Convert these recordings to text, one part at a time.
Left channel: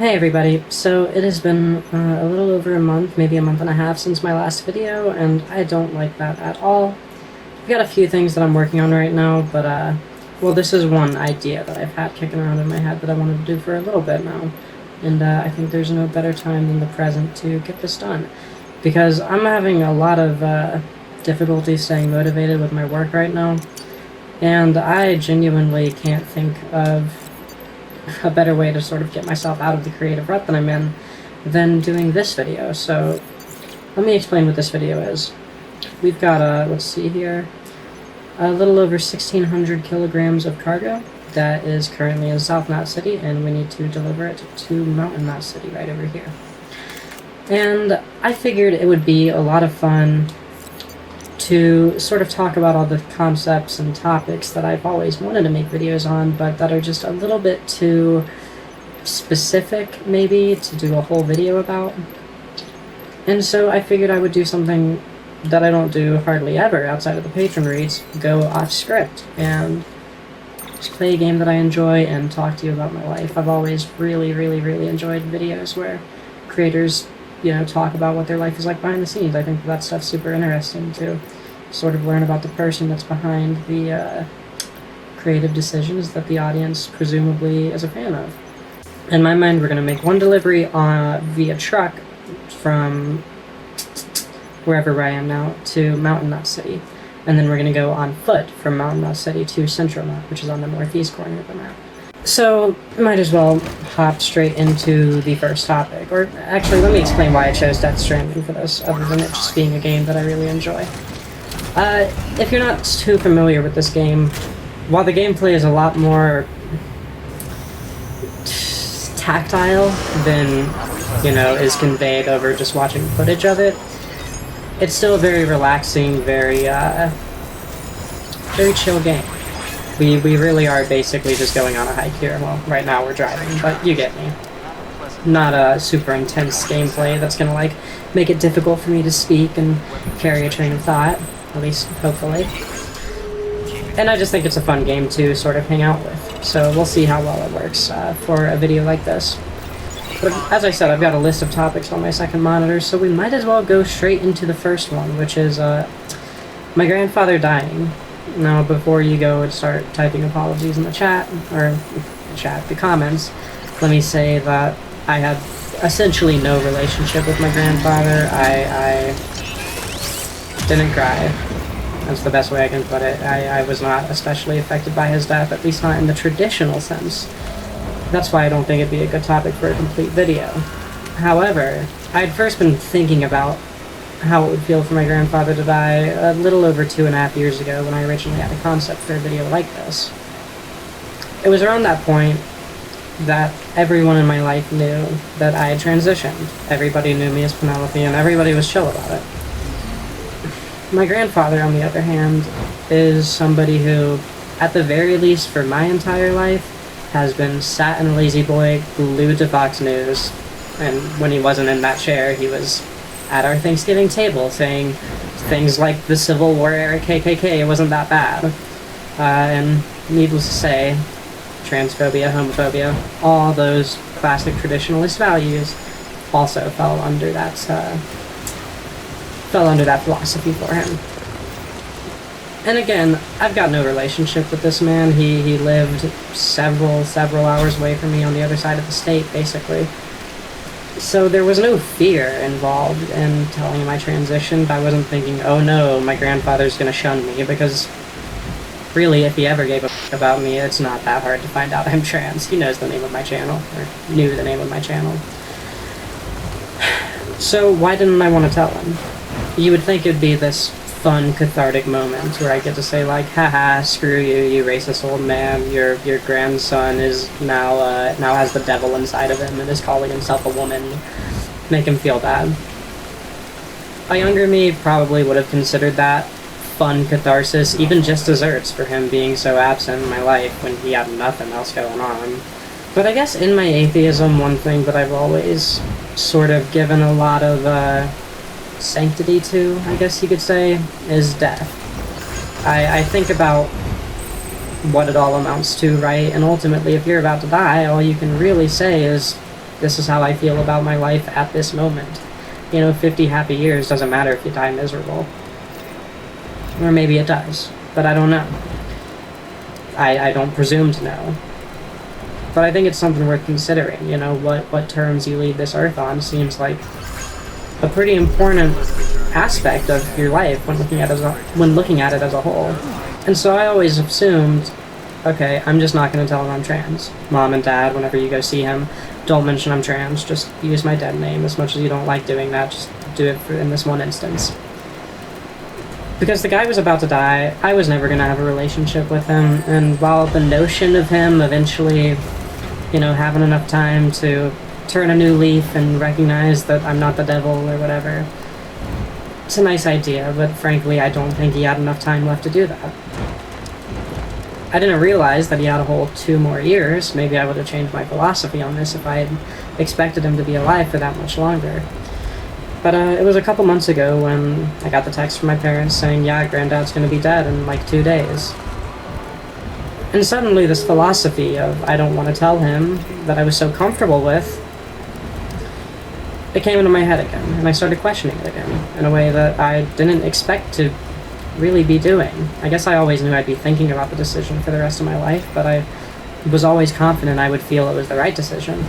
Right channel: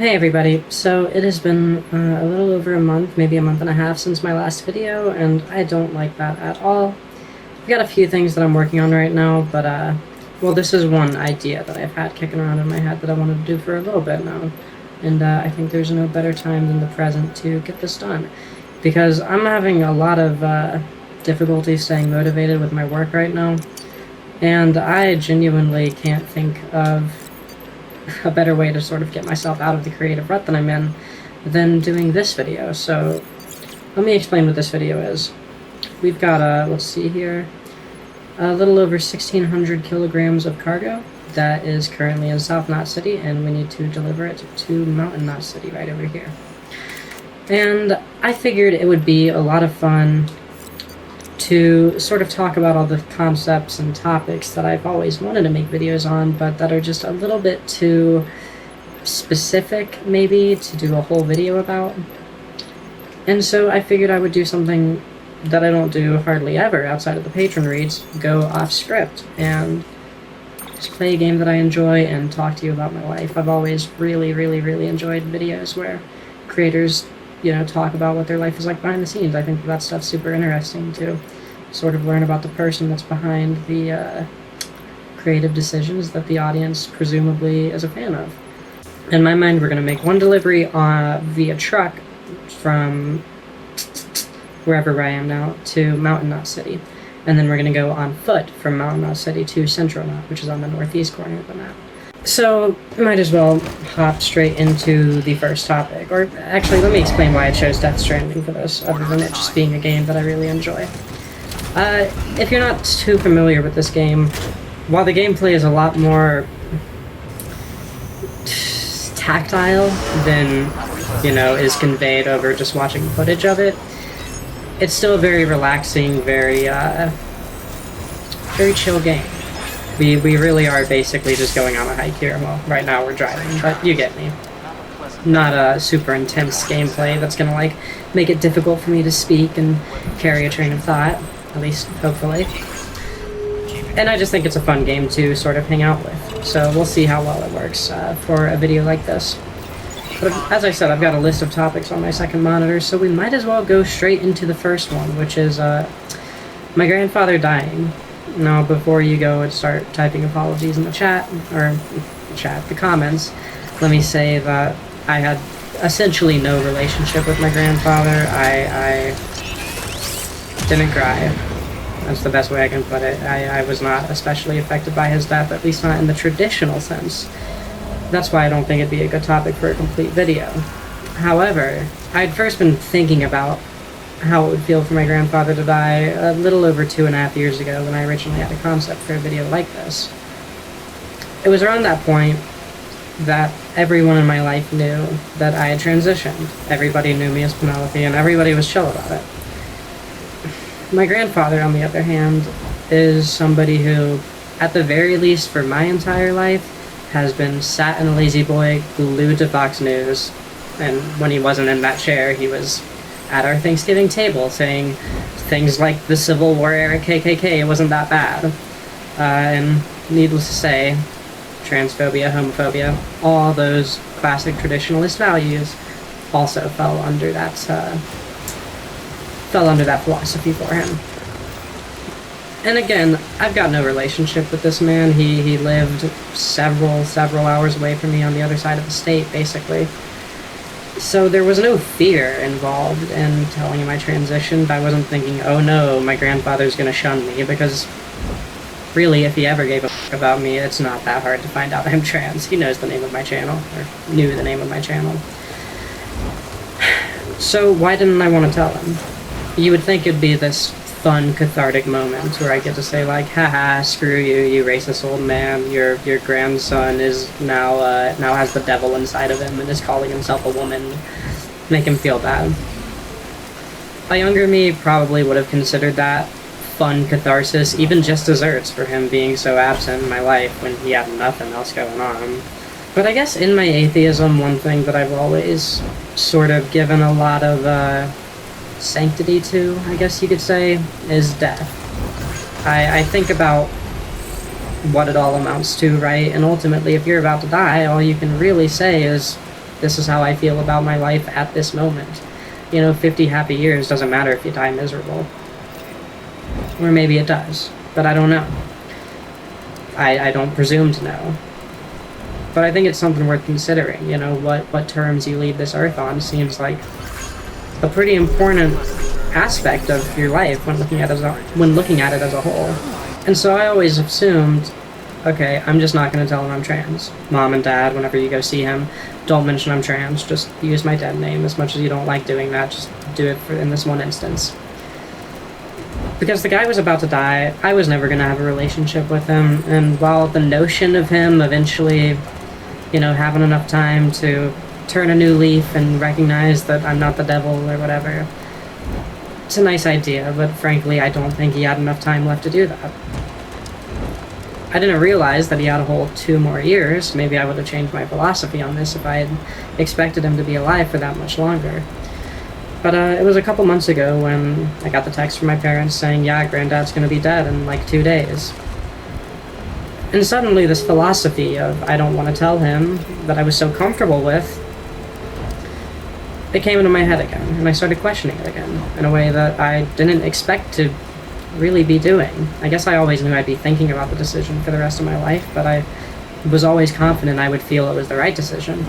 Hey everybody, so it has been a little over a month, maybe a month and a half since my last video, and I don't like that at all. I've got a few things that I'm working on right now, but well, this is one idea that I've had kicking around in my head that I want to do for a little bit now, and I think there's no better time than the present to get this done, because I'm having a lot of difficulty staying motivated with my work right now, and I genuinely can't think of a better way to sort of get myself out of the creative rut that I'm in than doing this video. So let me explain what this video is. We've got, let's see here, a little over 1,600 kilograms of cargo that is currently in South Knot City, and we need to deliver it to Mountain Knot City right over here. And I figured it would be a lot of fun to sort of talk about all the concepts and topics that I've always wanted to make videos on, but that are just a little bit too specific, maybe, to do a whole video about. And so I figured I would do something that I don't do hardly ever outside of the patron reads, go off script, and just play a game that I enjoy and talk to you about my life. I've always really enjoyed videos where creators, you know, talk about what their life is like behind the scenes. I think that stuff's super interesting to sort of learn about the person that's behind the creative decisions that the audience presumably is a fan of. In my mind, we're going to make one delivery via truck from wherever I am now to Mountain Knot City, and then we're going to go on foot from Mountain Knot City to Central Knot, which is on the northeast corner of the map. So, might as well hop straight into the first topic. Or, actually, let me explain why I chose Death Stranding for this, other than it just being a game that I really enjoy. If you're not too familiar with this game, while the gameplay is a lot more tactile than, you know, is conveyed over just watching footage of it, it's still a very relaxing, very chill game. We really are basically just going on a hike here. Well, right now we're driving, but you get me. Not a super intense gameplay that's gonna, like, make it difficult for me to speak and carry a train of thought, at least hopefully. And I just think it's a fun game to sort of hang out with, so we'll see how well it works for a video like this. But as I said, I've got a list of topics on my second monitor, so we might as well go straight into the first one, which is my grandfather dying. Now, before you go and start typing apologies in the chat, or the comments, let me say that I had essentially no relationship with my grandfather. I didn't cry. That's the best way I can put it. I was not especially affected by his death, at least not in the traditional sense. That's why I don't think it'd be a good topic for a complete video. However, I'd first been thinking about how it would feel for my grandfather to die a little over 2.5 years ago when I originally had a concept for a video like this. It was around that point that everyone in my life knew that I had transitioned. Everybody knew me as Penelope, and everybody was chill about it. My grandfather, on the other hand, is somebody who, at the very least for my entire life, has been sat in a lazy boy, glued to Fox News, and when he wasn't in that chair, he was at our Thanksgiving table saying things like the Civil War era KKK, it wasn't that bad. And needless to say, transphobia, homophobia, all those classic traditionalist values also fell under that philosophy for him. And again, I've got no relationship with this man. He lived several hours away from me on the other side of the state, basically. So there was no fear involved in telling him I transitioned. I wasn't thinking, oh no, my grandfather's gonna shun me, because really, if he ever gave a f*** about me, it's not that hard to find out I'm trans. He knows the name of my channel, or knew the name of my channel. So why didn't I want to tell him? You would think it'd be this fun, cathartic moment where I get to say, like, haha, screw you, you racist old man, your grandson is now has the devil inside of him and is calling himself a woman. Make him feel bad. A younger me probably would have considered that fun catharsis, even just desserts, for him being so absent in my life when he had nothing else going on. But I guess in my atheism, one thing that I've always sort of given a lot of sanctity to, I guess you could say, is death. I think about what it all amounts to, right? And ultimately, if you're about to die, all you can really say is, This is how I feel about my life at this moment. 50 happy years doesn't matter if you die miserable. Or maybe it does, but I don't know. I don't presume to know. But I think it's something worth considering. What terms you leave this earth on seems like a pretty important aspect of your life when looking at it as a whole. And so I always assumed, okay, I'm just not going to tell him I'm trans. Mom and Dad, whenever you go see him, don't mention I'm trans. Just use my dead name. As much as you don't like doing that, just do it in this one instance. Because the guy was about to die, I was never going to have a relationship with him, and while the notion of him eventually, having enough time to turn a new leaf and recognize that I'm not the devil or whatever, it's a nice idea, but frankly, I don't think he had enough time left to do that. I didn't realize that he had a whole 2 more years. Maybe I would have changed my philosophy on this if I had expected him to be alive for that much longer. But it was a couple months ago when I got the text from my parents saying, yeah, Granddad's gonna be dead in like 2 days. And suddenly this philosophy of I don't want to tell him that I was so comfortable with, it came into my head again, and I started questioning it again in a way that I didn't expect to really be doing. I guess I always knew I'd be thinking about the decision for the rest of my life, but I was always confident I would feel it was the right decision.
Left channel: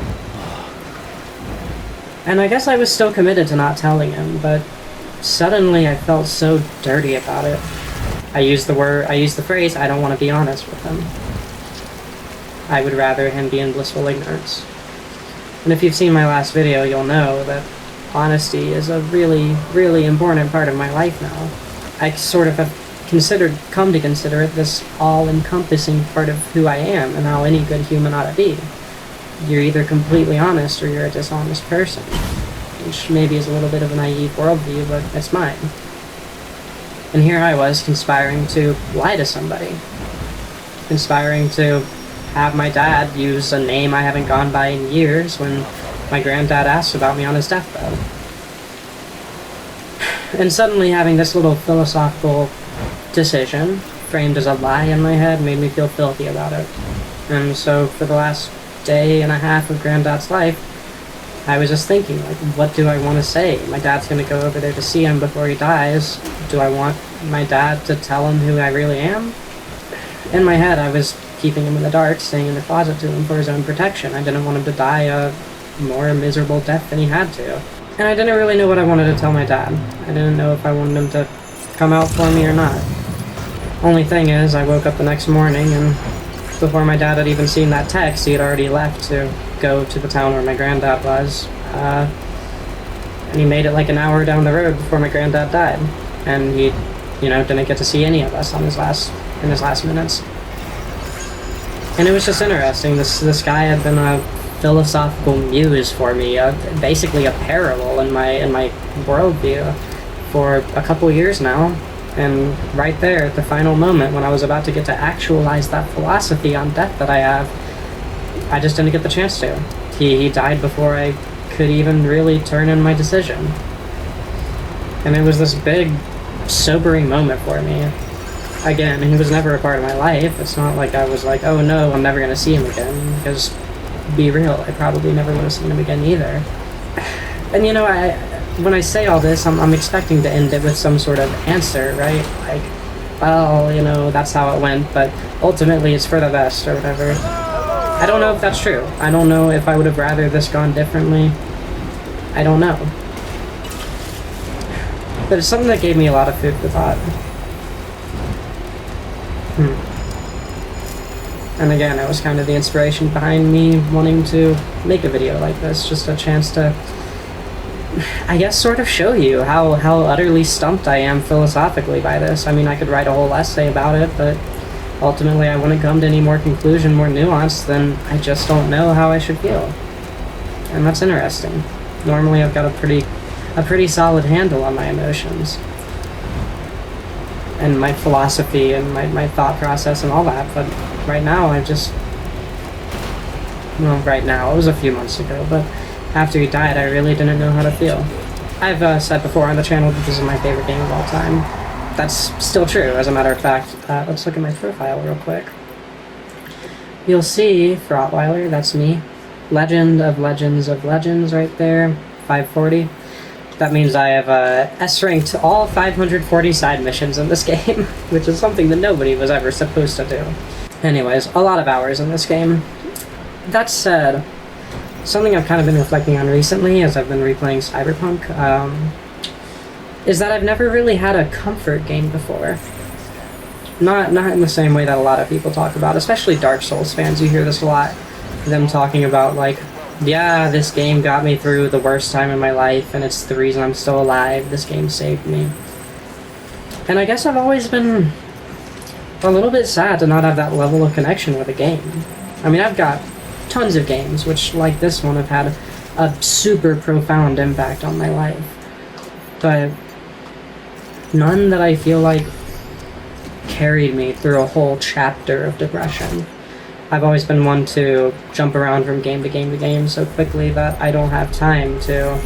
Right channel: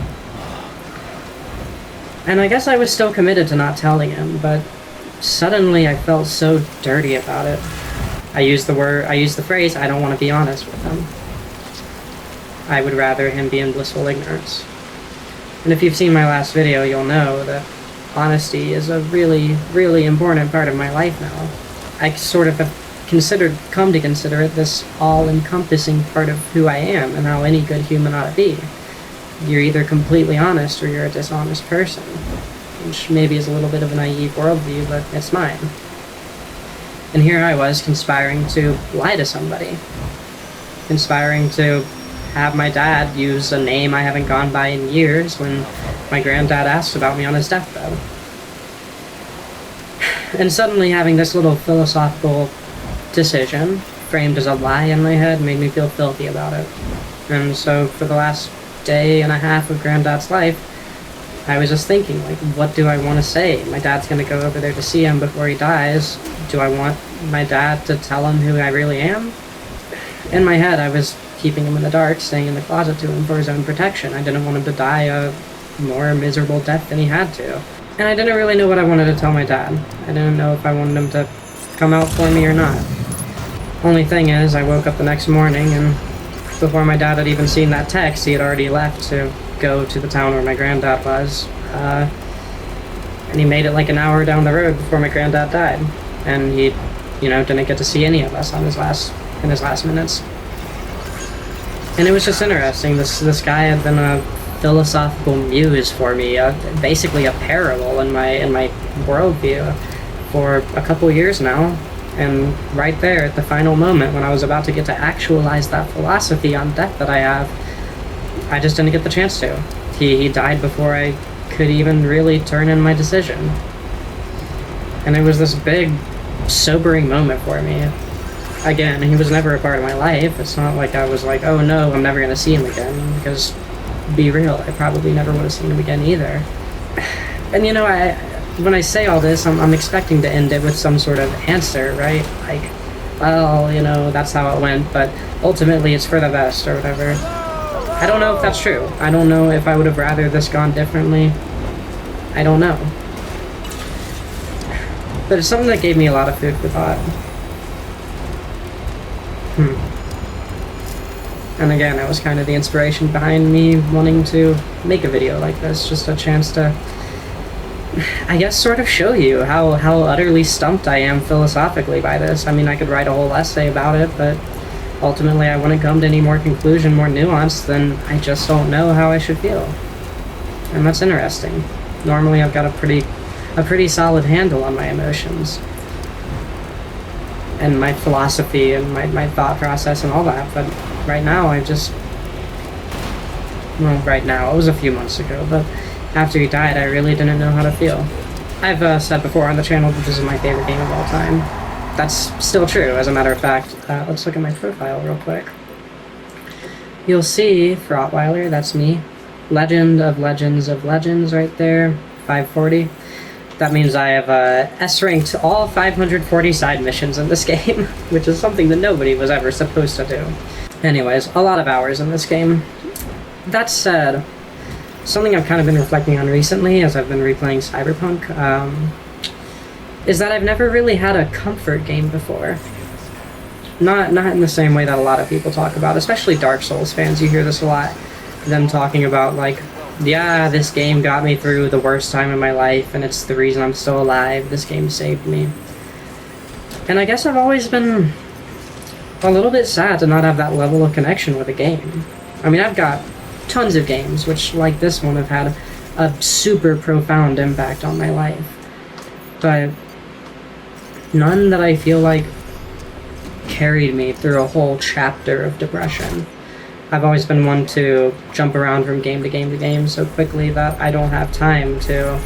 And I guess I was still committed to not telling him, but suddenly I felt so dirty about it. I used the phrase, I don't want to be honest with him. I would rather him be in blissful ignorance. And if you've seen my last video, you'll know that honesty is a really, really important part of my life now. I sort of have come to consider it this all-encompassing part of who I am and how any good human ought to be. You're either completely honest or you're a dishonest person, which maybe is a little bit of a naive worldview, but it's mine. And here I was conspiring to lie to somebody, conspiring to have my dad use a name I haven't gone by in years when my granddad asked about me on his deathbed. And suddenly having this little philosophical decision framed as a lie in my head made me feel filthy about it. And so for the last day and a half of Granddad's life, I was just thinking, like, what do I want to say? My dad's going to go over there to see him before he dies. Do I want my dad to tell him who I really am? In my head, I was keeping him in the dark, staying in the closet to him for his own protection. I didn't want him to die a more miserable death than he had to. And I didn't really know what I wanted to tell my dad. I didn't know if I wanted him to come out for me or not. Only thing is, I woke up the next morning, and before my dad had even seen that text, he had already left to go to the town where my granddad was. And he made it like an hour down the road before my granddad died. And he, didn't get to see any of us in his last minutes. And it was just interesting. This guy had been a philosophical muse for me, basically a parallel in my worldview for a couple years now. And right there at the final moment when I was about to get to actualize that philosophy on death that I have, I just didn't get the chance to. He died before I could even really turn in my decision. And it was this big, sobering moment for me. Again, he was never a part of my life. It's not like I was like, oh no, I'm never going to see him again, because, be real, I probably never would have seen him again either. And when I say all this, I'm expecting to end it with some sort of answer, right? Like, oh, that's how it went, but ultimately it's for the best, or whatever. I don't know if that's true. I don't know if I would have rather this gone differently. I don't know. But it's something that gave me a lot of food for thought. And again, it was kind of the inspiration behind me wanting to make a video like this, just a chance to, I guess, sort of show you how utterly stumped I am philosophically by this. I mean, I could write a whole essay about it, but ultimately I wouldn't come to any more conclusion, more nuance than I just don't know how I should feel. And that's interesting. Normally I've got a pretty solid handle on my emotions and my philosophy and my thought process and all that, but right now it was a few months ago, but after he died, I really didn't know how to feel. I've said before on the channel that this is my favorite game of all time. That's still true, as a matter of fact. Let's look at my profile real quick. You'll see Frotweiler, that's me. Legend of Legends of Legends right there, 540. That means I have S-ranked all 540 side missions in this game, which is something that nobody was ever supposed to do. Anyways, a lot of hours in this game. That said, something I've kind of been reflecting on recently as I've been replaying Cyberpunk, is that I've never really had a comfort game before. Not in the same way that a lot of people talk about, especially Dark Souls fans. You hear this a lot. Them talking about, like, yeah, this game got me through the worst time in my life, and it's the reason I'm still alive. This game saved me. And I guess I've always been a little bit sad to not have that level of connection with a game. I mean, I've got tons of games, which, like this one, have had a super profound impact on my life. But none that I feel like carried me through a whole chapter of depression. I've always been one to jump around from game to game to game so quickly that I don't have time to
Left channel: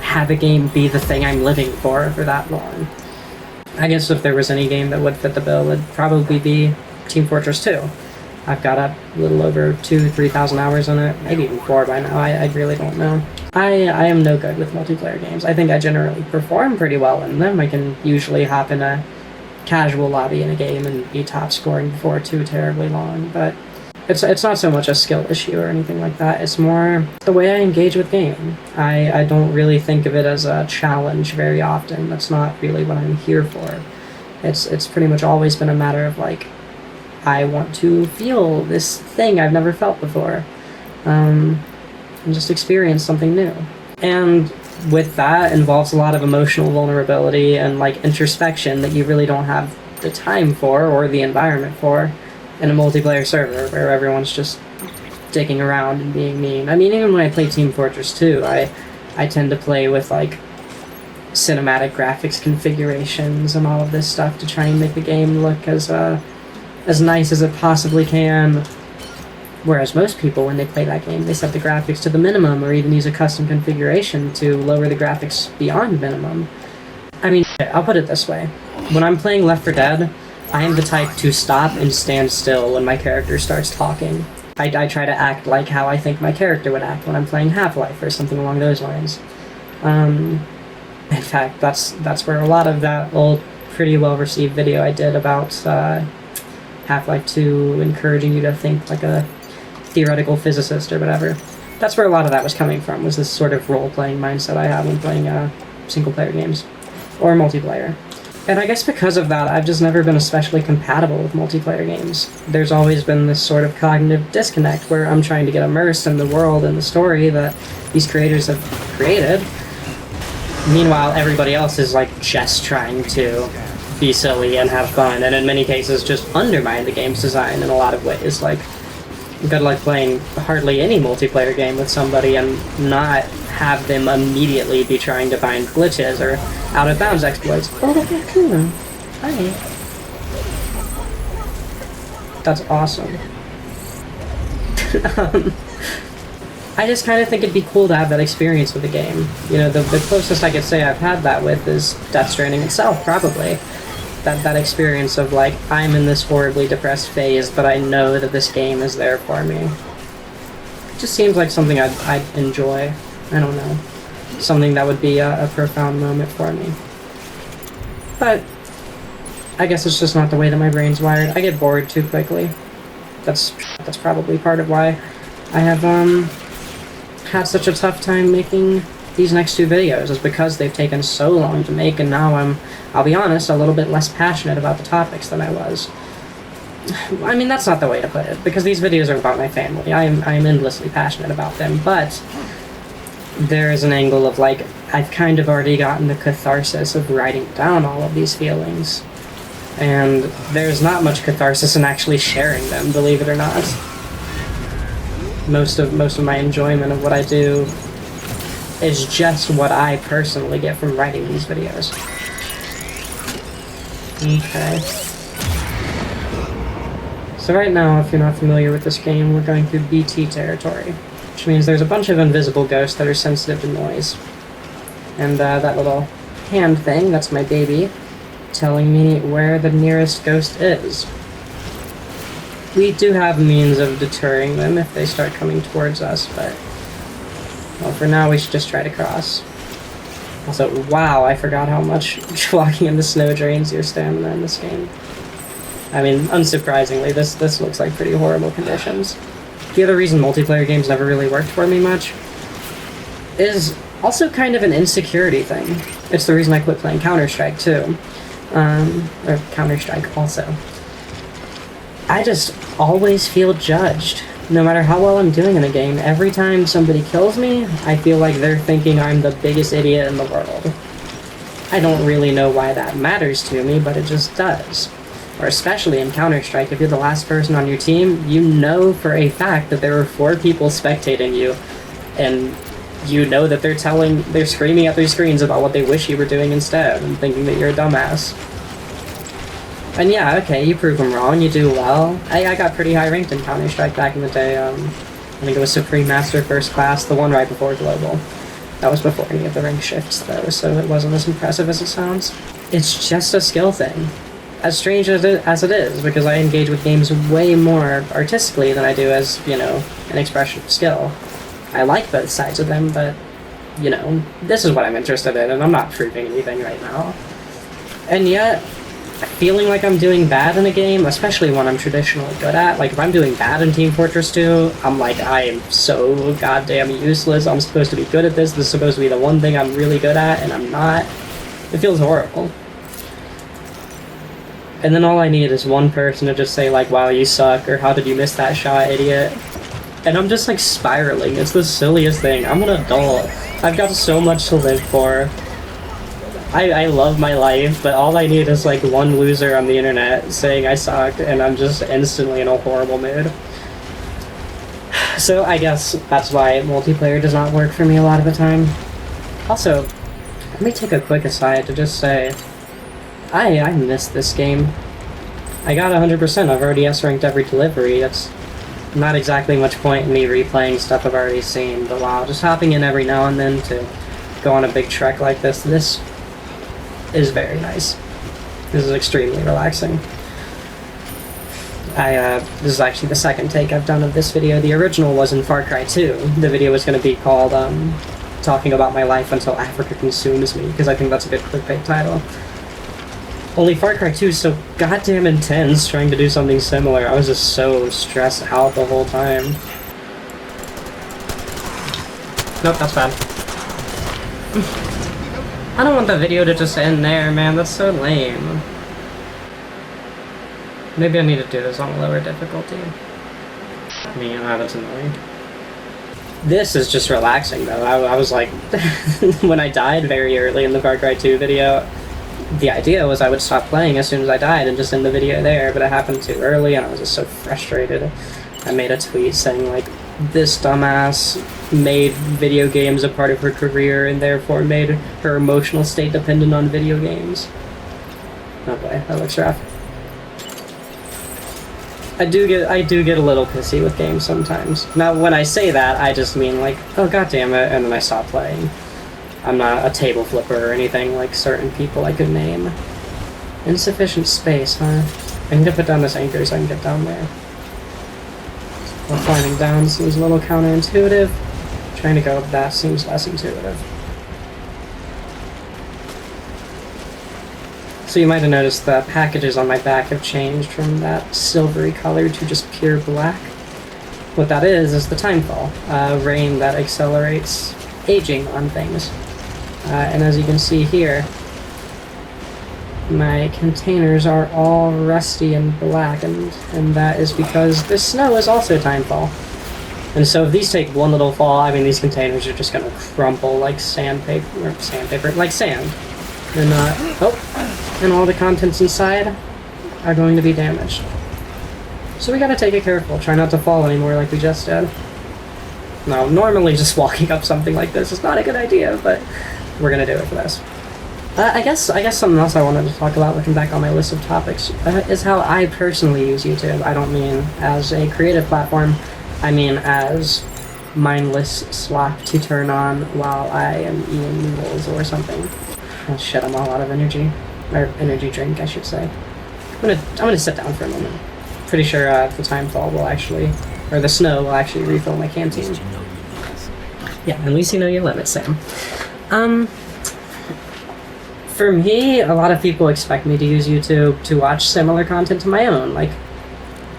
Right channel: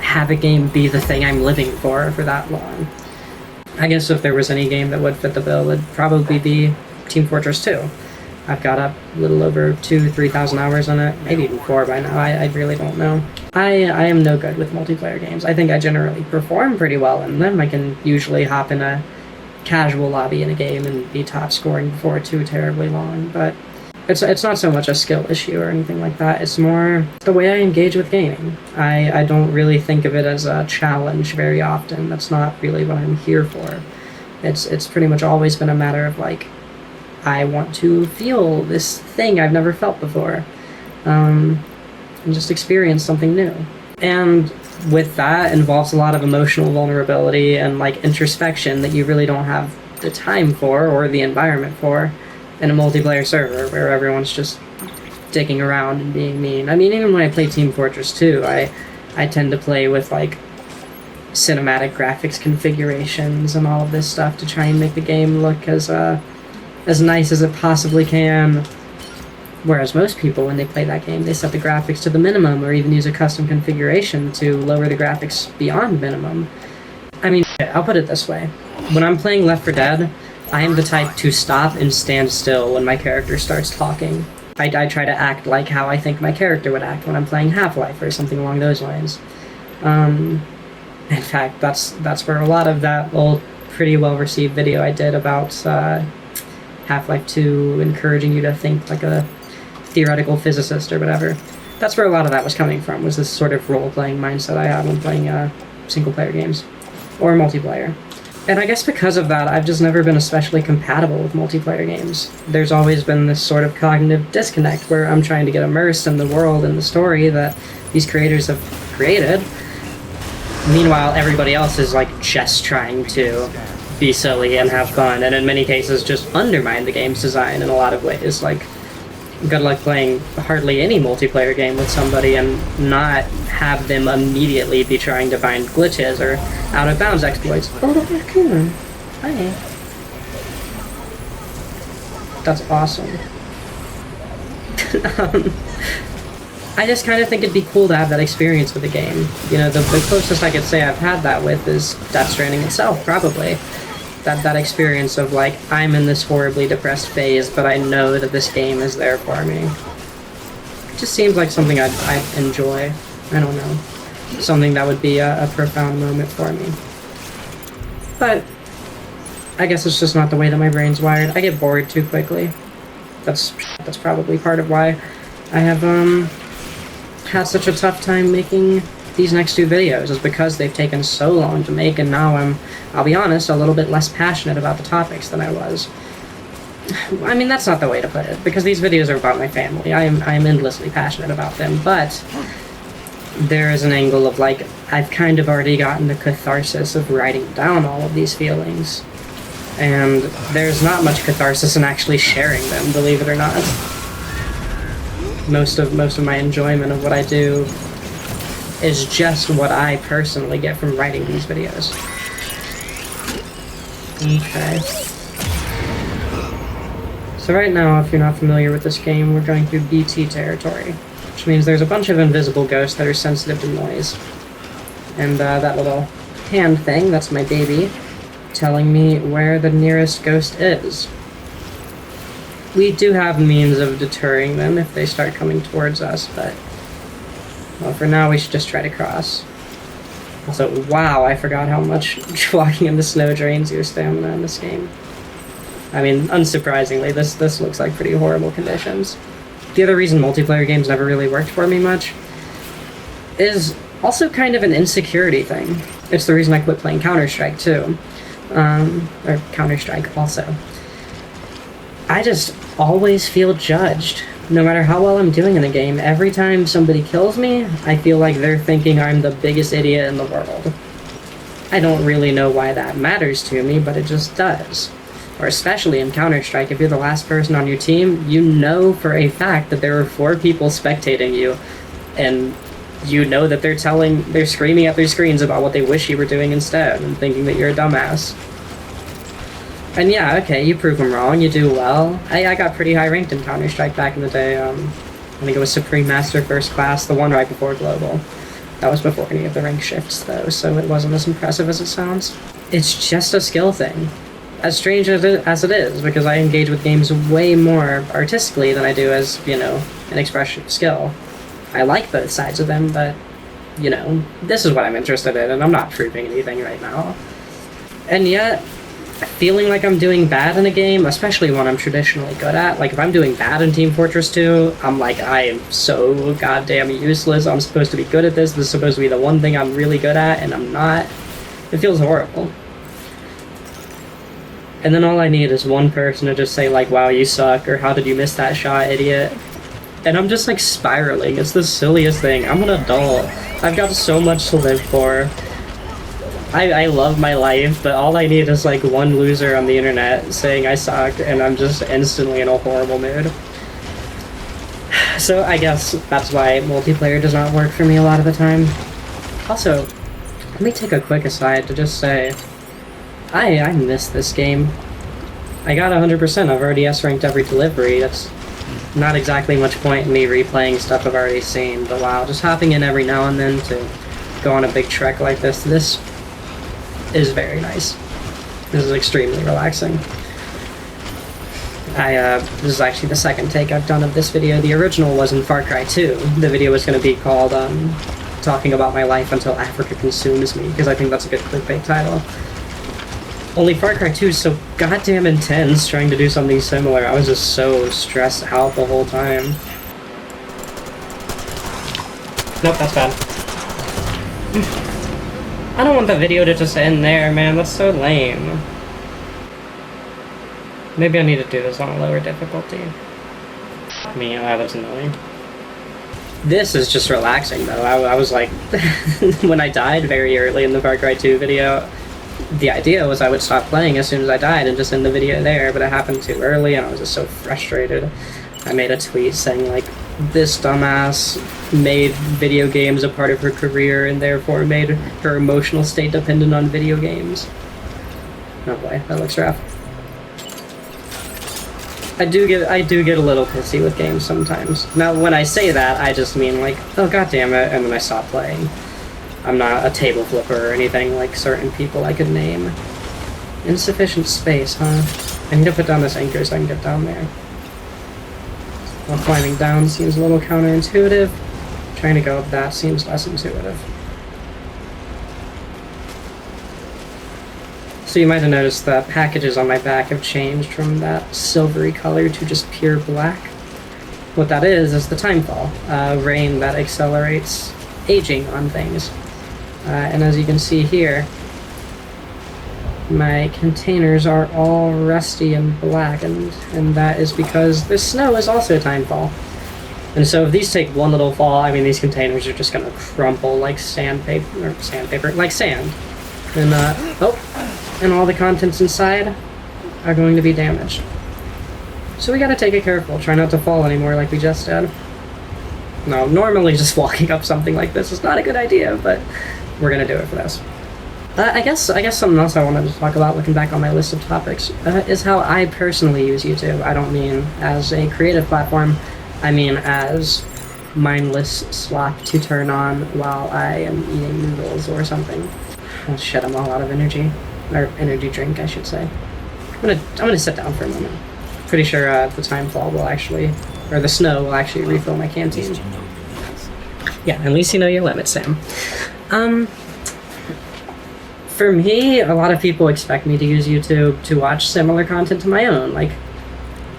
have a game be the thing I'm living for that long. I guess if there was any game that would fit the bill, it would probably be Team Fortress 2. I've got a little over 2,000 or 3,000 hours in it, maybe even 4 by now, I really don't know. I am no good with multiplayer games. I think I generally perform pretty well in them. I can usually hop in a casual lobby in a game and be top scoring before too terribly long, but it's not so much a skill issue or anything like that. It's more the way I engage with gaming. I don't really think of it as a challenge very often. That's not really what I'm here for. It's pretty much always been a matter of, like, I want to feel this thing I've never felt before, and just experience something new. And with that involves a lot of emotional vulnerability and, like, introspection that you really don't have the time for or the environment for in a multiplayer server where everyone's just dicking around and being mean. I mean, even when I play Team Fortress 2, I tend to play with, like, cinematic graphics configurations and all of this stuff to try and make the game look as nice as it possibly can. Whereas most people, when they play that game, they set the graphics to the minimum or even use a custom configuration to lower the graphics beyond minimum. I mean, I'll put it this way. When I'm playing Left 4 Dead, I am the type to stop and stand still when my character starts talking. I try to act like how I think my character would act when I'm playing Half-Life or something along those lines. In fact, that's where a lot of that old, pretty well-received video I did about Half-Life 2 encouraging you to think like a theoretical physicist or whatever. That's where a lot of that was coming from, was this sort of role-playing mindset I have when playing single-player games or multiplayer. And I guess because of that, I've just never been especially compatible with multiplayer games. There's always been this sort of cognitive disconnect where I'm trying to get immersed in the world and the story that these creators have created. Meanwhile, everybody else is, like, just trying to be silly and have fun, and in many cases just undermine the game's design in a lot of ways. Like, you've got to, like, playing hardly any multiplayer game with somebody and not have them immediately be trying to find glitches or out-of-bounds exploits. Oh, that's cool. Hi. That's awesome. I just kind of think it'd be cool to have that experience with the game. You know, the closest I could say I've had that with is Death Stranding itself, probably. That experience of, like, I'm in this horribly depressed phase, but I know that this game is there for me. It just seems like something I'd enjoy. I don't know. Something that would be a profound moment for me. But I guess it's just not the way that my brain's wired. I get bored too quickly. That's probably part of why I have had such a tough time making these next 2 videos, is because they've taken so long to make, and now I'll be honest, a little bit less passionate about the topics than I was. I mean, that's not the way to put it, because these videos are about my family. I am endlessly passionate about them, but there is an angle of, like, I've kind of already gotten the catharsis of writing down all of these feelings, and there's not much catharsis in actually sharing them, believe it or not. Most of my enjoyment of what I do is just what I personally get from writing these videos. Okay. So right now, if you're not familiar with this game, we're going through BT territory, which means there's a bunch of invisible ghosts that are sensitive to noise. And that little hand thing, that's my baby, telling me where the nearest ghost is. we do have means of deterring them if they start coming towards us, but... Well, for now, we should just try to cross. Also, wow, I forgot how much walking into snow drains your stamina in this game. I mean, unsurprisingly, this looks like pretty horrible conditions. The other reason multiplayer games never really worked for me much is also kind of an insecurity thing. It's the reason I quit playing Counter-Strike, too. Or Counter-Strike, also. I just always feel judged. No matter how well I'm doing in a game, every time somebody kills me, I feel like they're thinking I'm the biggest idiot in the world. I don't really know why that matters to me, but it just does. Or especially in Counter-Strike, if you're the last person on your team, you know for a fact that there are 4 people spectating you, and you know that they're screaming at their screens about what they wish you were doing instead, and thinking that you're a dumbass. And yeah, okay, you prove them wrong, you do well. I got pretty high ranked in Counter-Strike back in the day. I think it was Supreme Master First Class, the one right before Global. That was before any of the rank shifts, though, so it wasn't as impressive as it sounds. It's just a skill thing. As strange as it is, because I engage with games way more artistically than I do as, you know, an expression of skill. I like both sides of them, but, you know, this is what I'm interested in, and I'm not proving anything right now. And yet, feeling like I'm doing bad in a game, especially one I'm traditionally good at, like if I'm doing bad in Team Fortress 2, I'm like, I am so goddamn useless, I'm supposed to be good at this is supposed to be the one thing I'm really good at, and I'm not. It feels horrible. And then all I need is one person to just say like, wow, you suck, or how did you miss that shot, idiot? And I'm just like spiraling, it's the silliest thing. I'm an adult, I've got so much to live for. I love my life, but all I need is like one loser on the internet saying I suck, and I'm just instantly in a horrible mood. So I guess that's why multiplayer does not work for me a lot of the time. Also, let me take a quick aside to just say, I miss this game. I got 100%, I've already S-ranked every delivery. That's not exactly much point in me replaying stuff I've already seen, but wow, just hopping in every now and then to go on a big trek like this is very nice. This is extremely relaxing. This is actually the second take I've done of this video. The original was in Far Cry 2. The video was going to be called, Talking About My Life Until Africa Consumes Me, because I think that's a good clickbait title. Only Far Cry 2 is so goddamn intense trying to do something similar. I was just so stressed out the whole time. Nope, that's bad. I don't want the video to just end there, man. That's so lame. Maybe I need to do this on lower difficulty. I mean, that's annoying. This is just relaxing, though. I was like... when I died very early in the Far Cry 2 video, the idea was I would stop playing as soon as I died and just end the video there, but it happened too early and I was just so frustrated. I made a tweet saying, like, this dumbass made video games a part of her career and therefore made her emotional state dependent on video games. Oh boy, that looks rough. I do get a little pissy with games sometimes. Now when I say that, I just mean like, oh goddammit, and then I stop playing. I'm not a table flipper or anything like certain people I could name. Insufficient space, huh? I need to put down this anchor so I can get down there. Well, climbing down seems a little counterintuitive. Trying to go up that seems less intuitive. So you might have noticed that packages on my back have changed from that silvery color to just pure black. What that is the timefall, rain that accelerates aging on things. And as you can see here, my containers are all rusty and blackened, and that is because the snow is also timefall. And so if these take one little fall, I mean these containers are just gonna crumple like sandpaper, like sand. And all the contents inside are going to be damaged. So we gotta take it careful, try not to fall anymore like we just did. Now, normally just walking up something like this is not a good idea, but we're gonna do it for this. I guess something else I wanted to talk about, looking back on my list of topics, is how I personally use YouTube. I don't mean as a creative platform, I mean as mindless Slack to turn on while I am eating noodles or something. Oh shit, I'm all out of energy. Or energy drink, I should say. I'm gonna sit down for a minute. pretty sure the Timefall will actually, or the snow will actually refill my canteen. At least you know your limits. Yeah, at least you know your limits, Sam. For me, a lot of people expect me to use YouTube to watch similar content to my own. Like,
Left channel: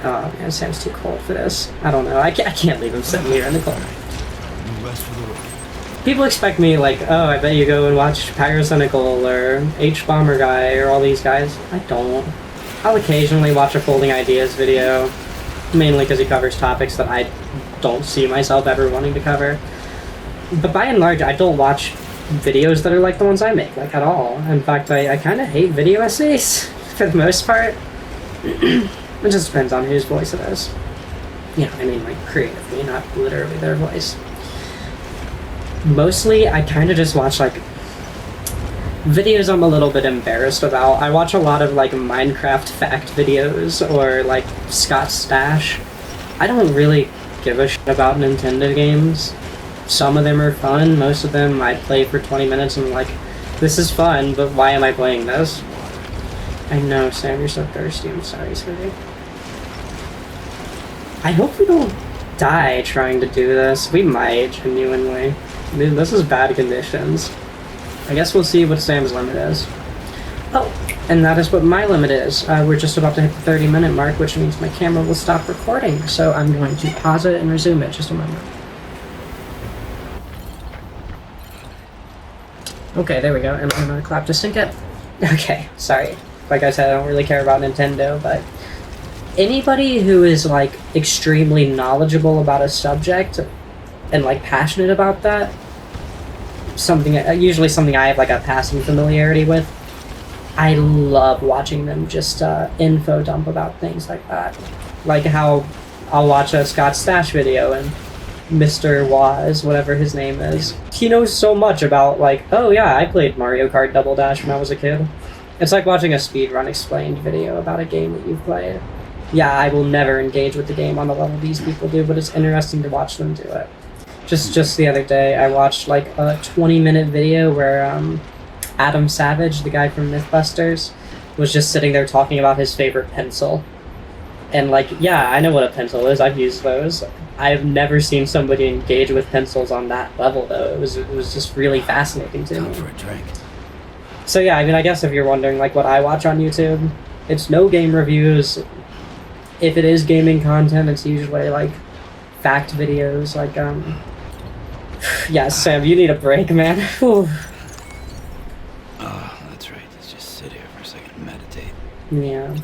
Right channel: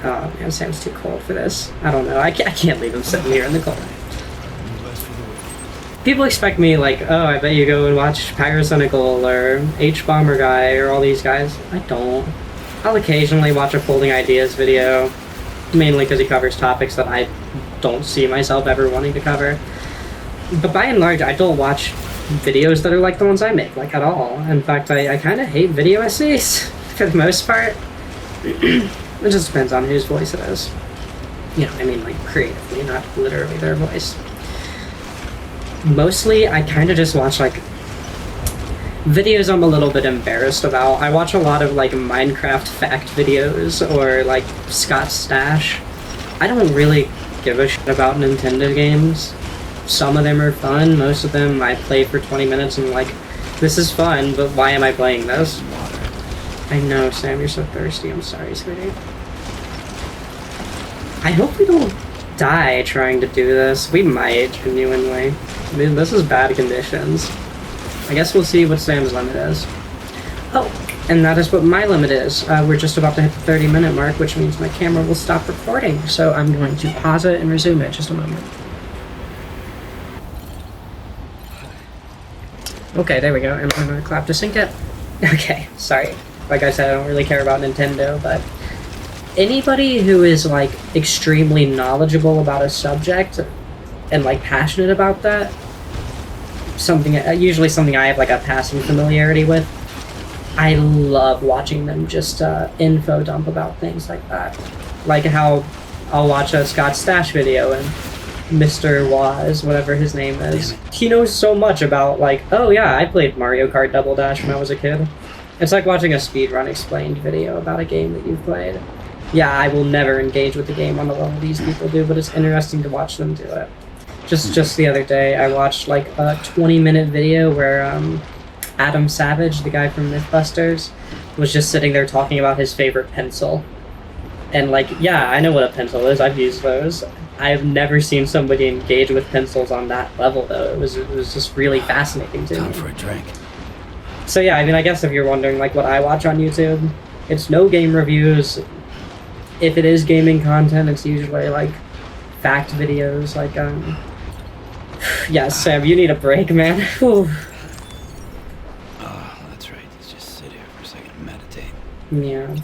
oh man, Sam's too cold for this. I don't know. I can't leave him sitting here in the cold. You rest for the week. People expect me, like, oh, I bet you go and watch Pyrocynical or H-Bomber Guy or all these guys. I don't. I'll occasionally watch a Folding Ideas video, mainly because he covers topics that I don't see myself ever wanting to cover. But by and large, I don't watch videos that are like the ones I make, like, at all. In fact, I kind of hate video essays, for the most part. It just depends on whose voice it is. You know, I mean, like, creatively, not literally their voice. Mostly, I kind of just watch, like, videos I'm a little bit embarrassed about. I watch a lot of, like, Minecraft fact videos, or, like, Scott Stash. I don't really give a shit about Nintendo games. Some of them are fun, most of them I play for 20 minutes and I'm like, this is fun, but why am I playing this? I know, Sam, you're so thirsty. I'm sorry, sweetie. I hope we don't die trying to do this. We might, genuinely. This is bad conditions. I guess we'll see what Sam's limit is. Oh, and that is what my limit is. We're just about to hit the 30-minute mark, which means my camera will stop recording. So I'm going to pause it and resume it just a moment. Okay, there we go. And I'm gonna clap to sync it. Okay, sorry. Like I said, I don't really care about Nintendo, but anybody who is, like, extremely knowledgeable about a subject and, like, passionate about that, usually something I have, like, a passing familiarity with, I love watching them just info dump about things like that. Like how I'll watch a Scott Stash video and Mr. Waz, whatever his name is, he knows so much about, like, oh yeah, I played Mario Kart Double Dash when I was a kid. It's like watching a speedrun explained video about a game that you've played. Yeah, I will never engage with the game on the level these people do, but it's interesting to watch them do it. Just the other day, I watched, like, a 20-minute video where Adam Savage, the guy from Mythbusters, was just sitting there talking about his favorite pencil. And, like, yeah, I know what a pencil is. I've used those. I've never seen somebody engage with pencils on that level, though. It was just really fascinating to me. Time for a drink. So yeah, I mean, I guess if you're wondering, like, what I watch on YouTube, it's no game reviews. If it is gaming content, it's usually, like, fact videos, like, yeah, Sam, you need a break, man. Oh, that's right. Let's just sit here for a second and meditate. Yeah.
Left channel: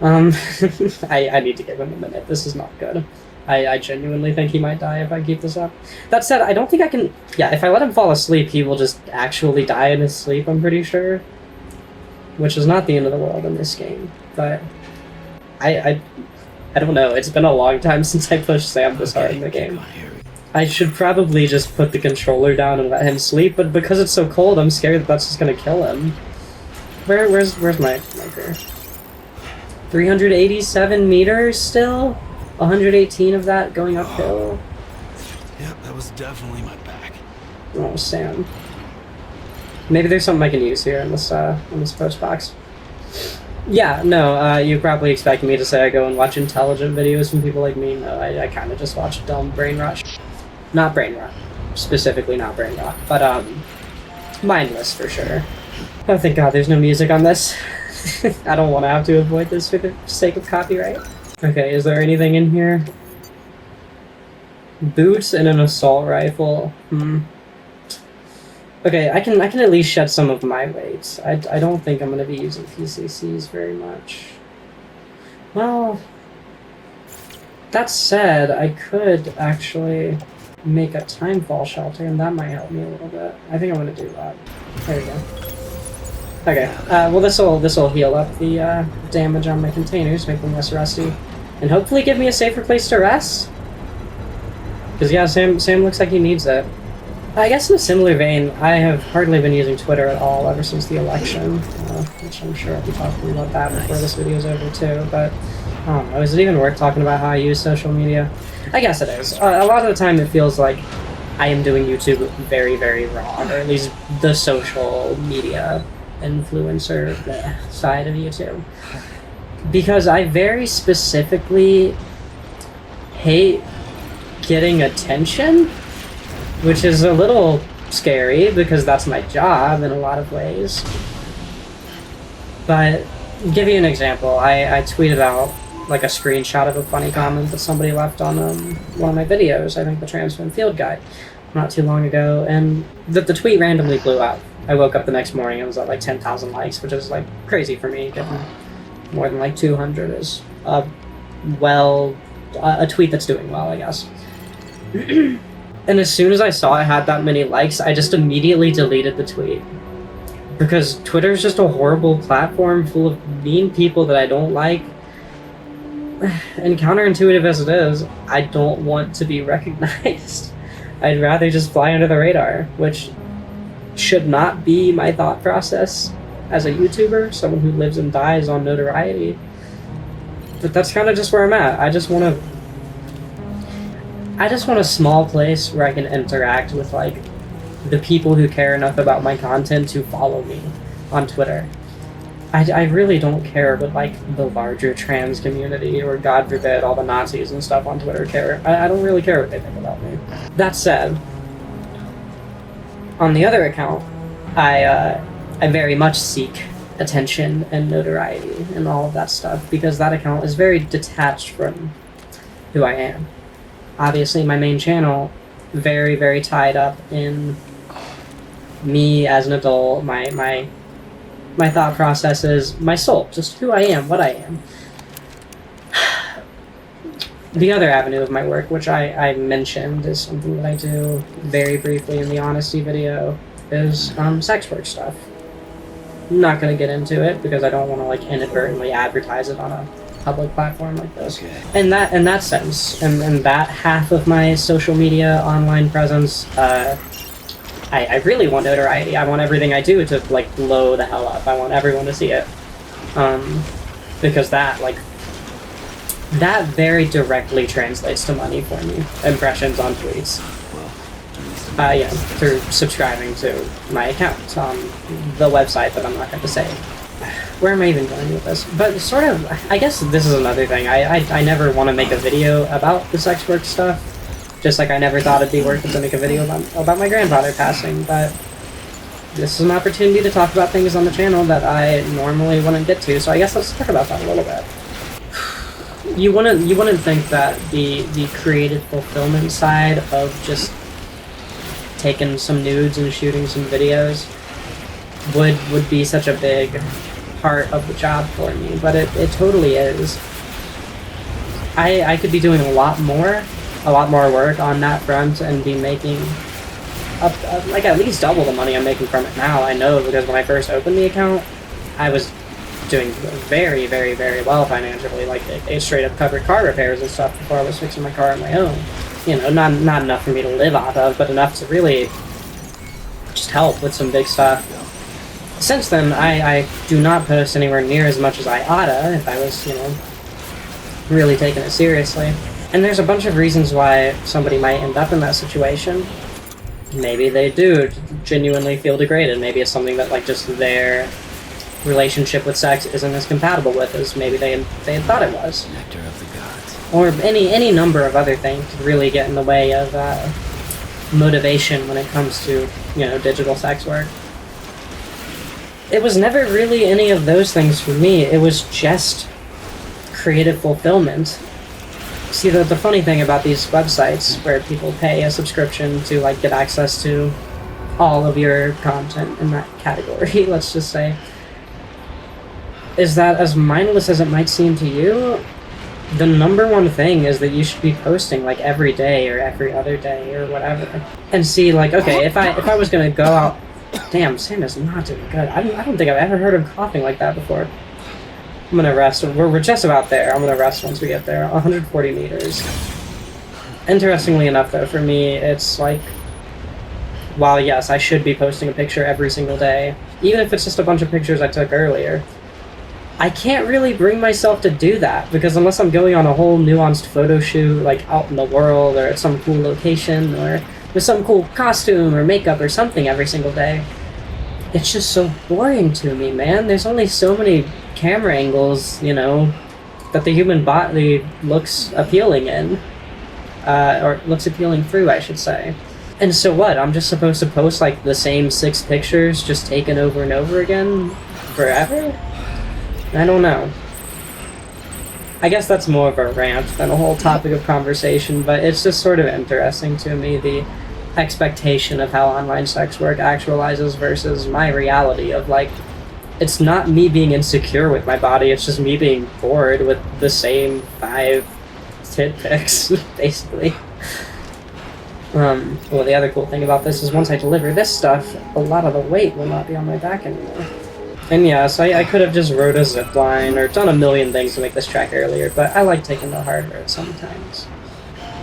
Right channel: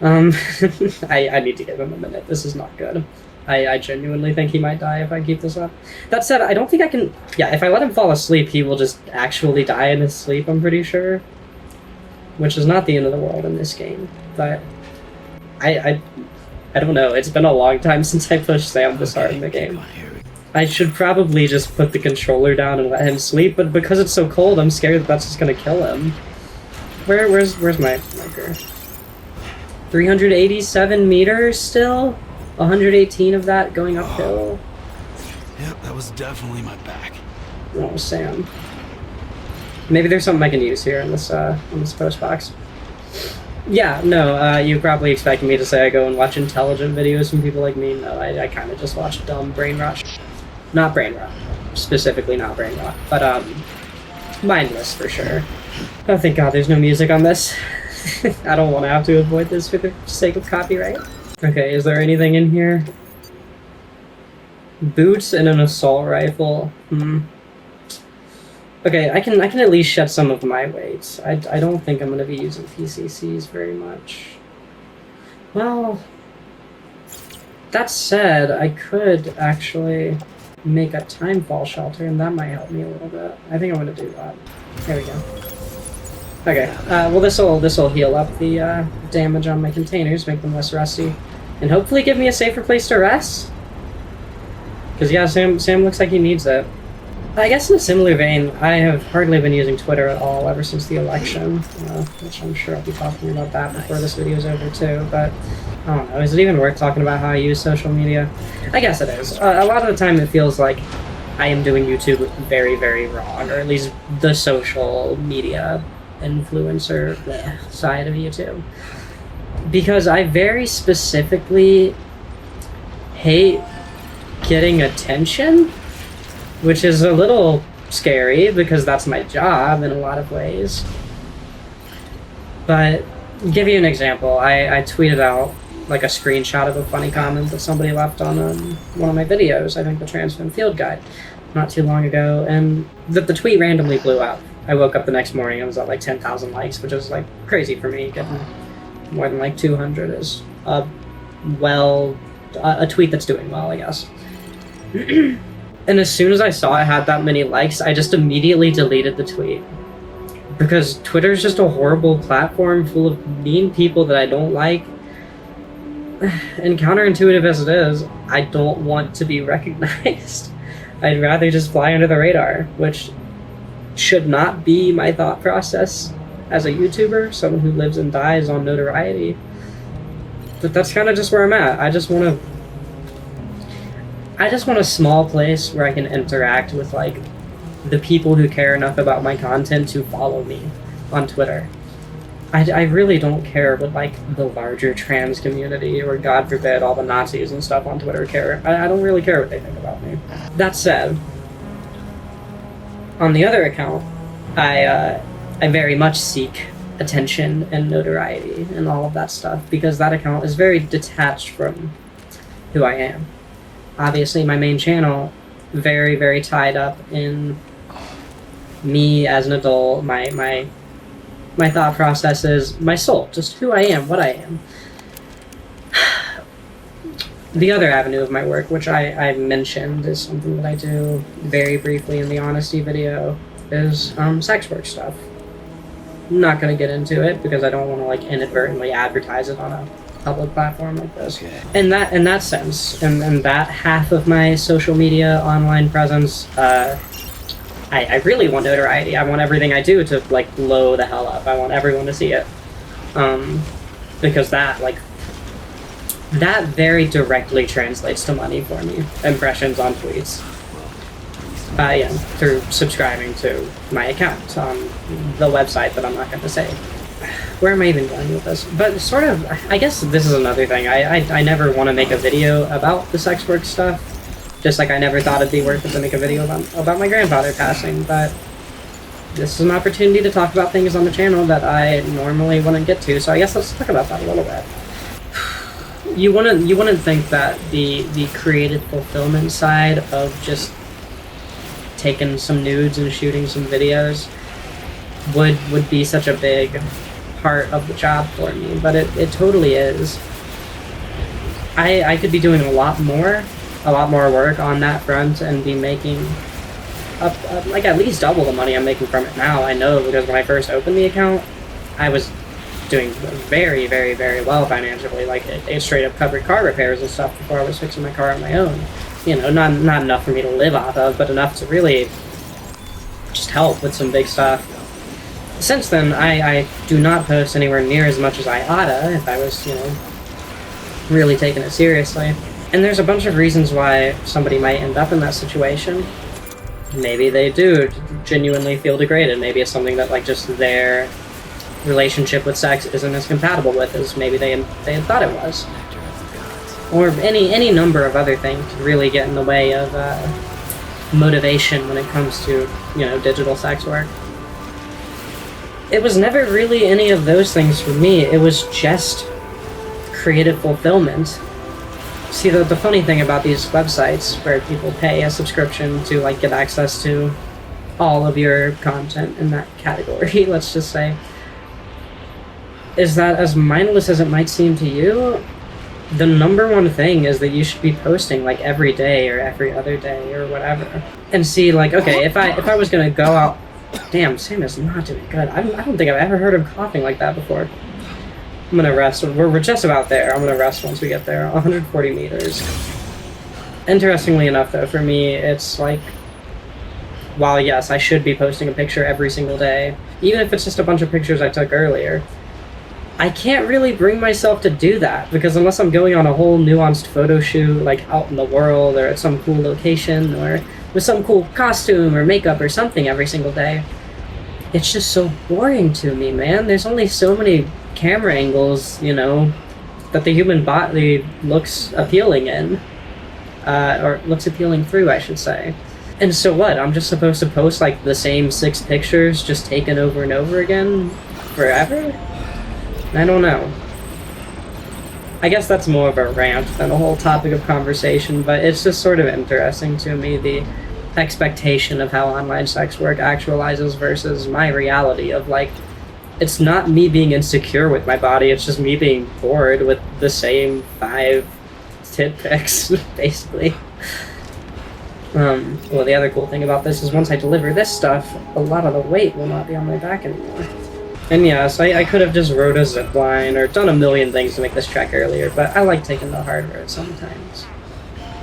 I need to give him a minute. This is not good. I genuinely think he might die if I keep this up. That said, I don't think I can... Yeah, if I let him fall asleep, he will just actually die in his sleep, I'm pretty sure. Which is not the end of the world in this game. But... I don't know. It's been a long time since I pushed Sam to start the game. I should probably just put the controller down and let him sleep, but because it's so cold, I'm scared that's just gonna kill him. Where's my marker? 387 meters still? 118 of that going uphill? Yep, that was definitely my back. Oh, Sam. Maybe there's something I can use here in this post box. Yeah, no, you probably expected me to say I go and watch intelligent videos from people like me. No, I kind of just watch dumb brain rush. Not brain rot. Specifically not brain rot. But, mindless for sure. Oh, thank God there's no music on this. I don't want to have to avoid this for the sake of copyright. Okay, is there anything in here? Boots and an assault rifle. Okay, I can at least shed some of my weight. I don't think I'm going to be using PCCs very much. Well, that said, I could actually make a timefall shelter, and that might help me a little bit. I think I'm going to do that. There we go. Okay, well this will heal up the damage on my containers, make them less rusty, and hopefully give me a safer place to rest. Because yeah, Sam looks like he needs it. I guess in a similar vein, I have hardly been using Twitter at all ever since the election, which I'm sure I'll be talking about that before this video's over too, but I don't know, is it even worth talking about how I use social media? I guess it is. A lot of the time it feels like I am doing YouTube very, very wrong, or at least the social media influencer side of YouTube. because I very specifically hate getting attention, which is a little scary because that's my job in a lot of ways. But give you an example, I tweeted out like a screenshot of a funny comment that somebody left on one of my videos, I think the Transfin Field Guide, not too long ago, and the tweet randomly blew up. I woke up the next morning, it was at like 10,000 likes, which was like crazy for me, given more than like 200 is a tweet that's doing well, I guess. And as soon as I saw I had that many likes, I just immediately deleted the tweet. Because Twitter's just a horrible platform full of mean people that I don't like. And counterintuitive as it is, I don't want to be recognized. I'd rather just fly under the radar, which should not be my thought process as a YouTuber, someone who lives and dies on notoriety. But that's kind of just where I'm at. I just want a small place where I can interact with like the people who care enough about my content to follow me on Twitter. I really don't care what like the larger trans community or God forbid all the Nazis and stuff on Twitter care. I don't really care what they think about me. That said, on the other account, I very much seek attention and notoriety and all of that stuff because that account is very detached from who I am. Obviously, my main channel, very, very tied up in me as an adult, my thought processes, my soul, just who I am, what I am. The other avenue of my work, which I mentioned, is something that I do very briefly in the Honesty video, is sex work stuff. I'm not going to get into it because I don't want to like inadvertently advertise it on a public platform like this. Okay. In that sense, and that half of my social media online presence, I really want notoriety. I want everything I do to like blow the hell up. I want everyone to see it, because that very directly translates to money for me. Impressions on tweets. Well, Yeah, through subscribing to my account on the website that I'm not going to say. Where am I even going with this? But sort of, I guess this is another thing. I never want to make a video about the sex work stuff. Just like I never thought it'd be worth it to make a video about my grandfather passing, but this is an opportunity to talk about things on the channel that I normally want to get to, so I guess let's talk about that a little bit. You wouldn't think that the creative fulfillment side of just taking some nudes and shooting some videos would be such a big part of the job for me, but it totally is. I could be doing a lot more work on that front and be making like at least double the money I'm making from it now. I know because when I first opened the account, I was doing very, very, very well financially. Like it straight up covered car repairs and stuff before I was fixing my car on my own. You know, not enough for me to live off of, but enough to really just help with some big stuff. Since then, I do not post anywhere near as much as I oughta if I was, you know, really taking it seriously. And there's a bunch of reasons why somebody might end up in that situation. Maybe they do genuinely feel degraded. Maybe it's something that like just their relationship with sex isn't as compatible with as maybe they had thought it was. Nectar of the gods. Or any number of other things really get in the way of motivation when it comes to, you know, digital sex work. It was never really any of those things for me. It was just creative fulfillment. See, the funny thing about these websites where people pay a subscription to like get access to all of your content in that category, let's just say, is that as mindless as it might seem to you, the number one thing is that you should be posting like every day or every other day or whatever. And see, like, okay, if I was gonna go out, damn, Sam is not doing good. I don't think I've ever heard him coughing like that before. I'm gonna rest. We're just about there. I'm gonna rest once we get there. 140 meters. Interestingly enough, though, for me, it's like, while yes, I should be posting a picture every single day, even if it's just a bunch of pictures I took earlier, I can't really bring myself to do that, because unless I'm going on a whole nuanced photo shoot, like out in the world, or at some cool location, or with some cool costume or makeup or something every single day, it's just so boring to me, man. There's only so many camera angles, you know, that the human body looks appealing in, or looks appealing through, I should say. And so what? I'm just supposed to post like the same 6 pictures, just taken over and over again, forever? I don't know. I guess that's more of a rant than a whole topic of conversation, but it's just sort of interesting to me, the expectation of how online sex work actualizes versus my reality of like, it's not me being insecure with my body, it's just me being bored with the same 5 tit pics, basically. Well, the other cool thing about this is once I deliver this stuff, a lot of the weight will not be on my back anymore. And yeah, so I could have just rode a zip line or done a million things to make this track earlier, but I like taking the hard road sometimes.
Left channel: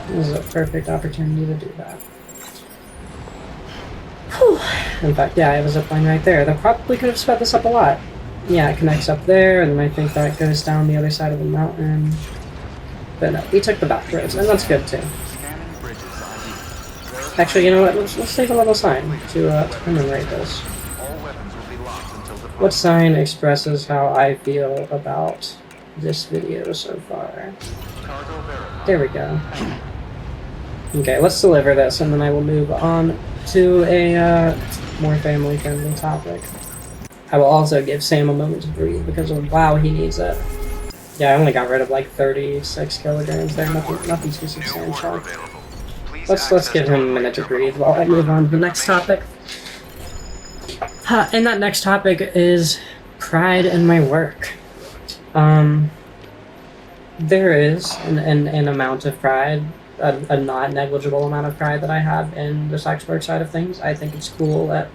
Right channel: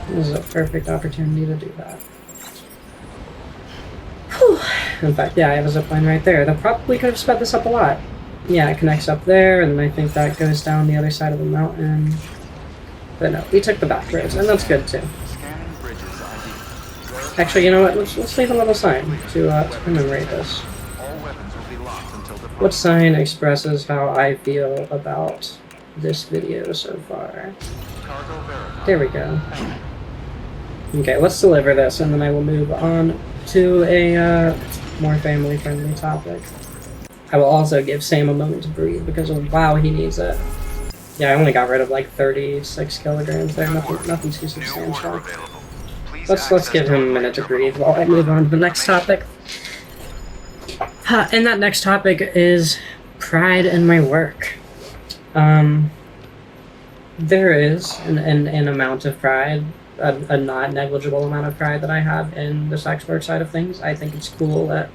This is a perfect opportunity to do that. Whew. In fact, yeah, I have a zip line right there. That probably could have sped this up a lot. Yeah, it connects up there, and then I think that goes down the other side of the mountain. But no, we took the back roads, and that's good too. Actually, you know what? Let's save a little sign to commemorate this. What sign expresses how I feel about this video so far? There we go. Okay, let's deliver this, and then I will move on to a more family-friendly topic. I will also give Sam a moment to breathe because of wow, he needs it. Yeah, I only got rid of like 36 kilograms there. Nothing too substantial. Let's give him a minute to breathe while I move on to the next topic. And that next topic is pride in my work. There is an amount of pride, a not negligible amount of pride that I have in the sex work side of things. I think it's cool that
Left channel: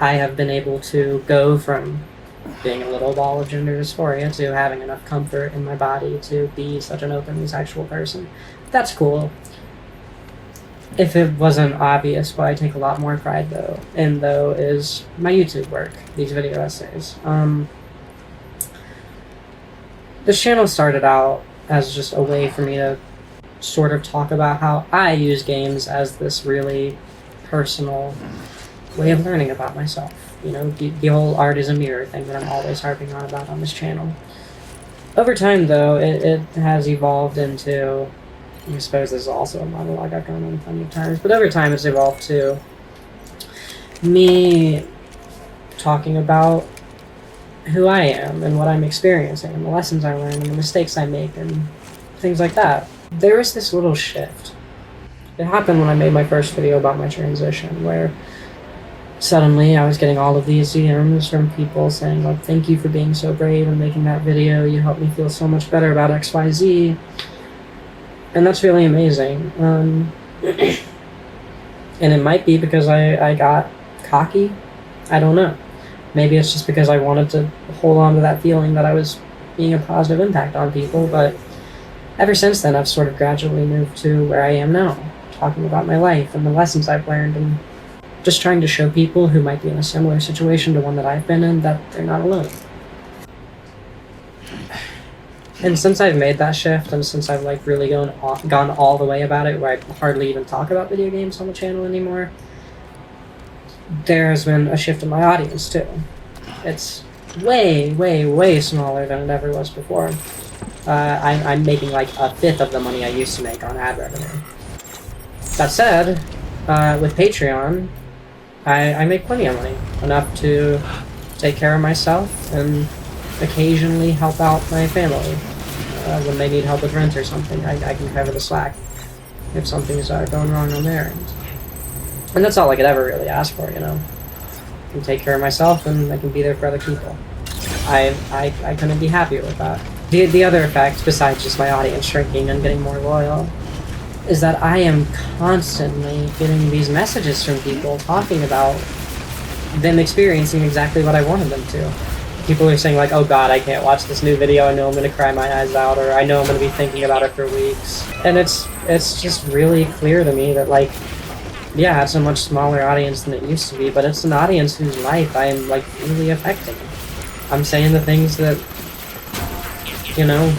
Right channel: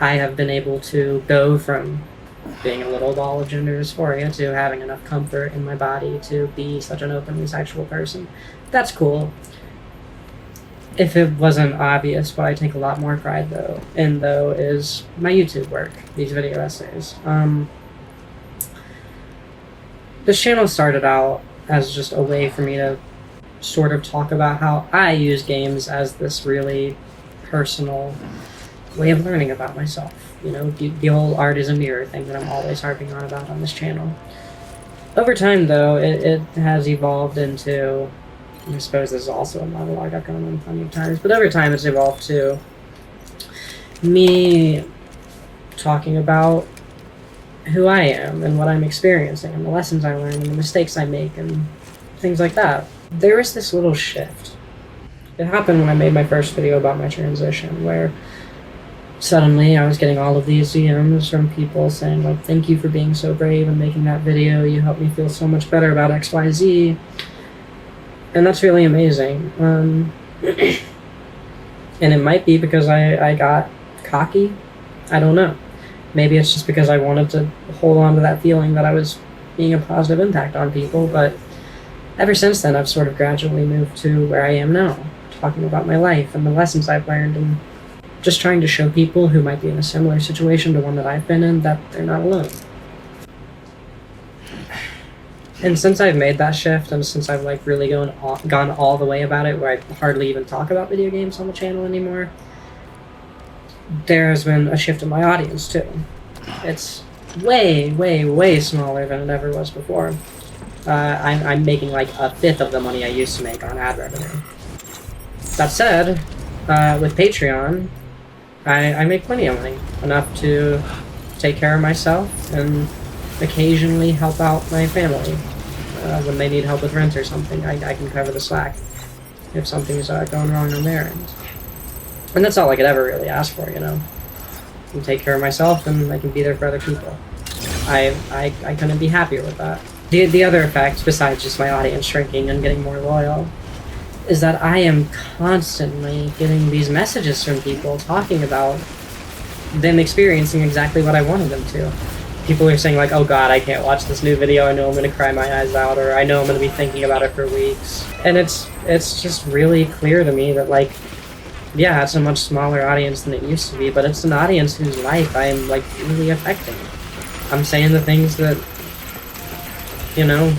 I have been able to go from being a little ball of gender dysphoria to having enough comfort in my body to be such an openly sexual person. That's cool. If it wasn't obvious, what I take a lot more pride in though is my YouTube work, these video essays. This channel started out as just a way for me to sort of talk about how I use games as this really personal way of learning about myself. You know, the whole art is a mirror thing that I'm always harping on about on this channel. Over time though, it has evolved into, I suppose this is also a monologue I've gone on plenty of times, but over time it's evolved to me talking about who I am and what I'm experiencing and the lessons I learn and the mistakes I make and things like that. There is this little shift. It happened when I made my first video about my transition, where suddenly I was getting all of these DMs from people saying, like, thank you for being so brave and making that video, you helped me feel so much better about XYZ. And that's really amazing. And it might be because I got cocky. I don't know. Maybe it's just because I wanted to hold on to that feeling that I was being a positive impact on people, but ever since then I've sort of gradually moved to where I am now, talking about my life and the lessons I've learned and just trying to show people who might be in a similar situation to one that I've been in that they're not alone. And since I've made that shift, and since I've like really gone all the way about it, where I hardly even talk about video games on the channel anymore, there has been a shift in my audience too. It's way, way, way smaller than it ever was before. I'm making like a fifth of the money I used to make on ad revenue. That said, with Patreon, I make plenty of money, enough to take care of myself and occasionally help out my family. When they need help with rent or something, I can cover the slack if something's going wrong on their end. And that's all I could ever really ask for, you know? I can take care of myself and I can be there for other people. I couldn't be happier with that. The other effect, besides just my audience shrinking and getting more loyal, is that I am constantly getting these messages from people talking about them experiencing exactly what I wanted them to. People are saying like, oh god, I can't watch this new video, I know I'm gonna cry my eyes out, or I know I'm gonna be thinking about it for weeks. And it's just really clear to me that like, yeah, it's a much smaller audience than it used to be, but it's an audience whose life I am like really affecting. I'm saying the things that, you know,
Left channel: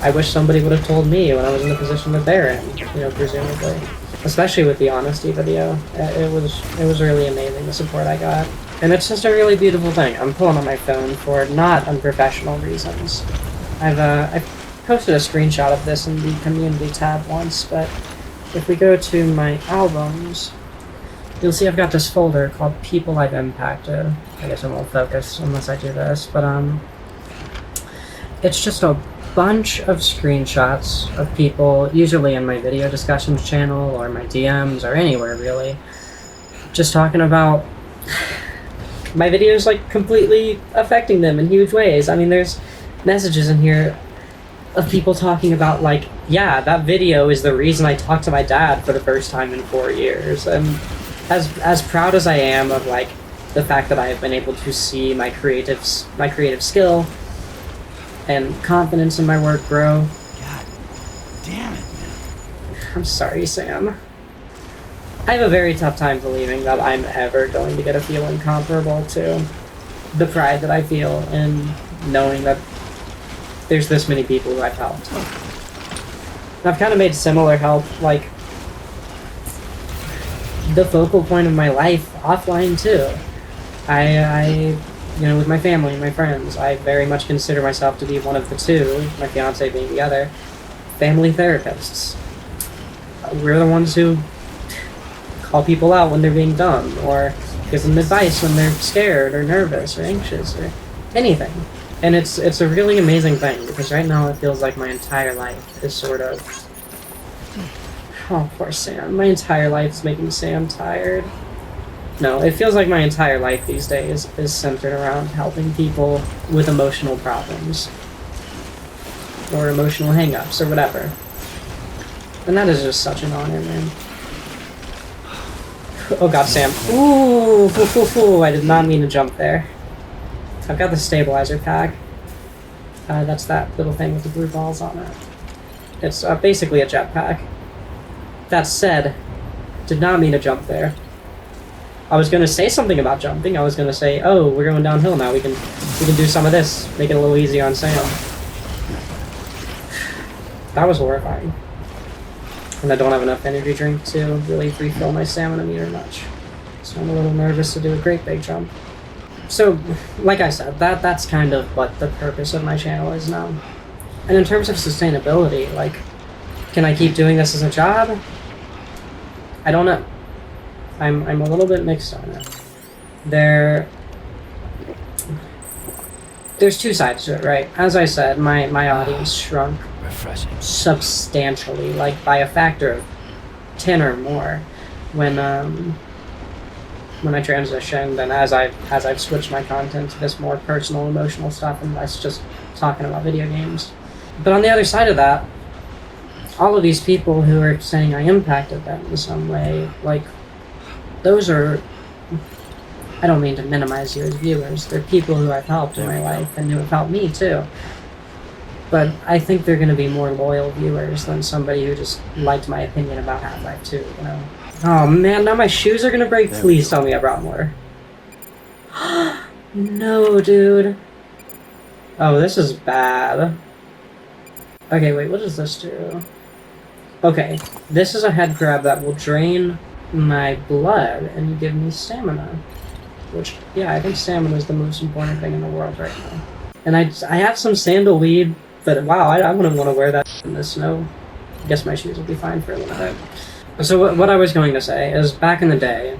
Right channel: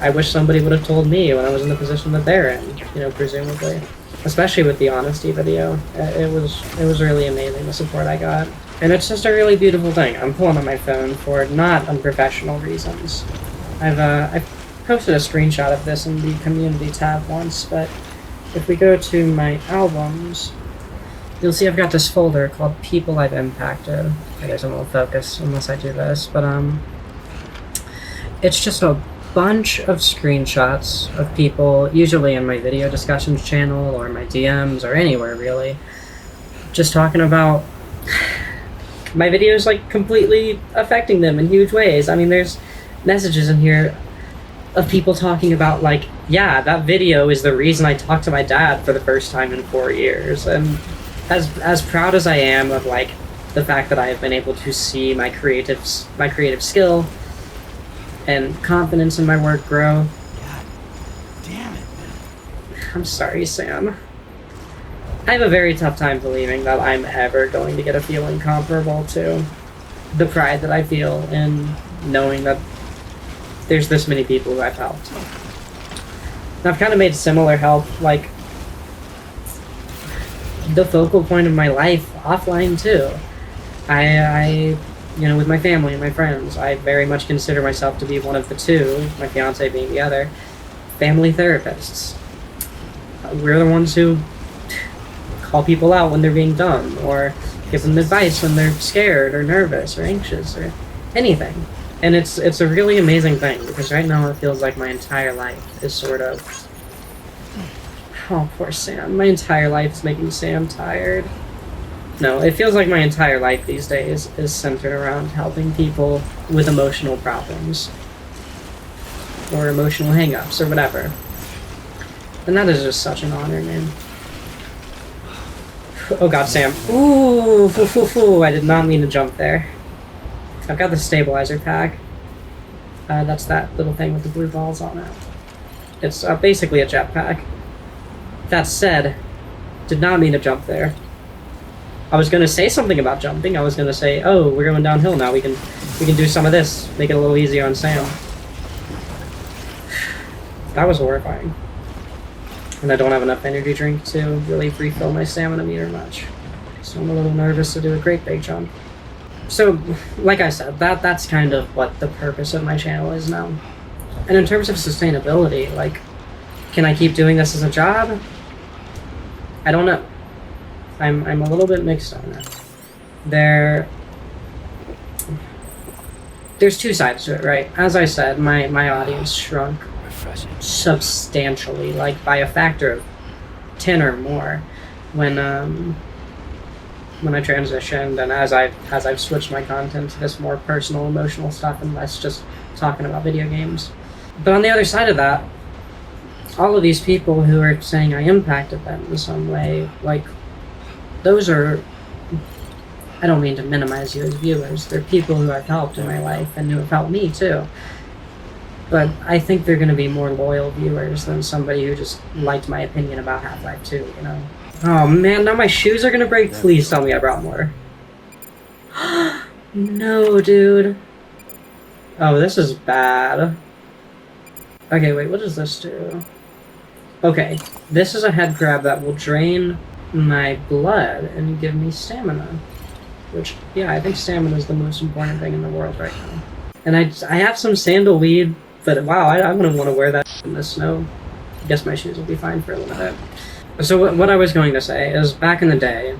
I wish somebody would have told me when I was in the position that they're in, you know, presumably. Especially with the honesty video. It was really amazing, the support I got. And it's just a really beautiful thing. I'm pulling up my phone for not unprofessional reasons. I've posted a screenshot of this in the community tab once, but if we go to my albums, you'll see I've got this folder called People I've Impacted. I guess it won't focus unless I do this, but it's just a bunch of screenshots of people, usually in my video discussions channel or my DMs or anywhere really, just talking about my videos like completely affecting them in huge ways. I mean, there's messages in here of people talking about like, yeah, that video is the reason I talked to my dad for the first time in 4 years. And as proud as I am of like the fact that I've been able to see my creative skill and confidence in my work grow. God damn it, man. I'm sorry, Sam. I have a very tough time believing that I'm ever going to get a feeling comparable to the pride that I feel in knowing that there's this many people who I've helped. I've kind of made similar help, like, the focal point of my life offline, too. I you know, with my family and my friends, I very much consider myself to be one of the two, my fiance being the other, family therapists. We're the ones who call people out when they're being dumb, or give them advice when they're scared or nervous or anxious or anything. And it's a really amazing thing, because right now it feels like my entire life is sort of... Oh, poor Sam. My entire life is making Sam tired. No, it feels like my entire life these days is centered around helping people with emotional problems. Or emotional hang-ups, or whatever. And that is just such an honor, man. Oh god, Sam. Ooh, I did not mean to jump there. I've got the stabilizer pack. That's that little thing with the blue balls on it. It's basically a jetpack. That said, did not mean to jump there. I was gonna say something about jumping. I was gonna say, oh, we're going downhill now. We can do some of this. Make it a little easy on Sam. That was horrifying. And I don't have enough energy drink to really refill my stamina meter much. So I'm a little nervous to do a great big jump. So, like I said, that's kind of what the purpose of my channel is now. And in terms of sustainability, like, can I keep doing this as a job? I don't know. I'm a little bit mixed on it. There's two sides to it, right? As I said, my audience shrunk Refreshing. substantially, like by a factor of 10 or more when I transitioned, and as I've switched my content to this more personal, emotional stuff and less just talking about video games. But on the other side of that, all of these people who are saying I impacted them in some way, like, those are, I don't mean to minimize you as viewers, they're people who I've helped in my life and who have helped me too. But I think they're going to be more loyal viewers than somebody who just liked my opinion about Half-Life 2, you know? Oh man, now my shoes are going to break. Please tell me I brought more. No, dude. Oh, this is bad. Okay, wait, what does this do? Okay, this is a head grab that will drain my blood and give me stamina. Which, yeah, I think stamina is the most important thing in the world right now. And I have some sandalweed, but wow, I wouldn't want to wear that in the snow. I guess my shoes will be fine for a little bit. So what I was going to say is, back in the day,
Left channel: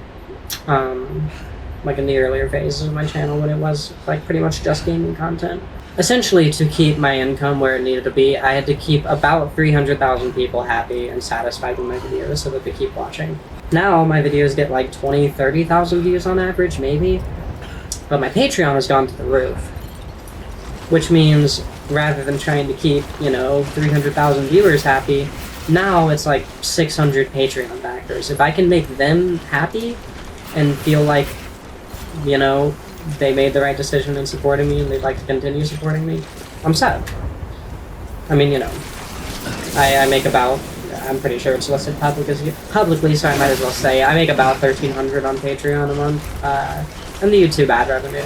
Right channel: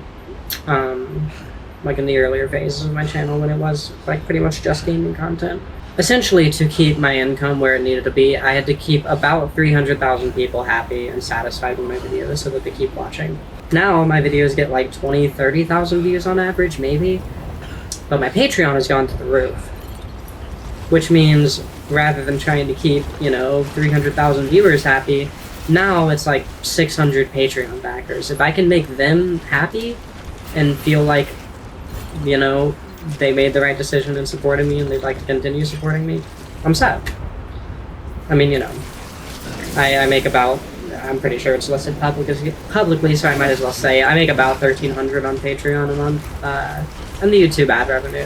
like in the earlier phases of my channel when it was like pretty much just gaming content, essentially to keep my income where it needed to be, I had to keep about 300,000 people happy and satisfied with my videos so that they keep watching. Now my videos get like 20, 30,000 views on average, maybe, but my Patreon has gone to the roof. Which means, rather than trying to keep, 300,000 viewers happy, now it's like 600 Patreon backers. If I can make them happy and feel like, they made the right decision in supporting me and they'd like to continue supporting me, I'm sad. I mean, I make about, I'm pretty sure it's listed publicly, so I might as well say, I make about $1,300 on Patreon a month, and the YouTube ad revenue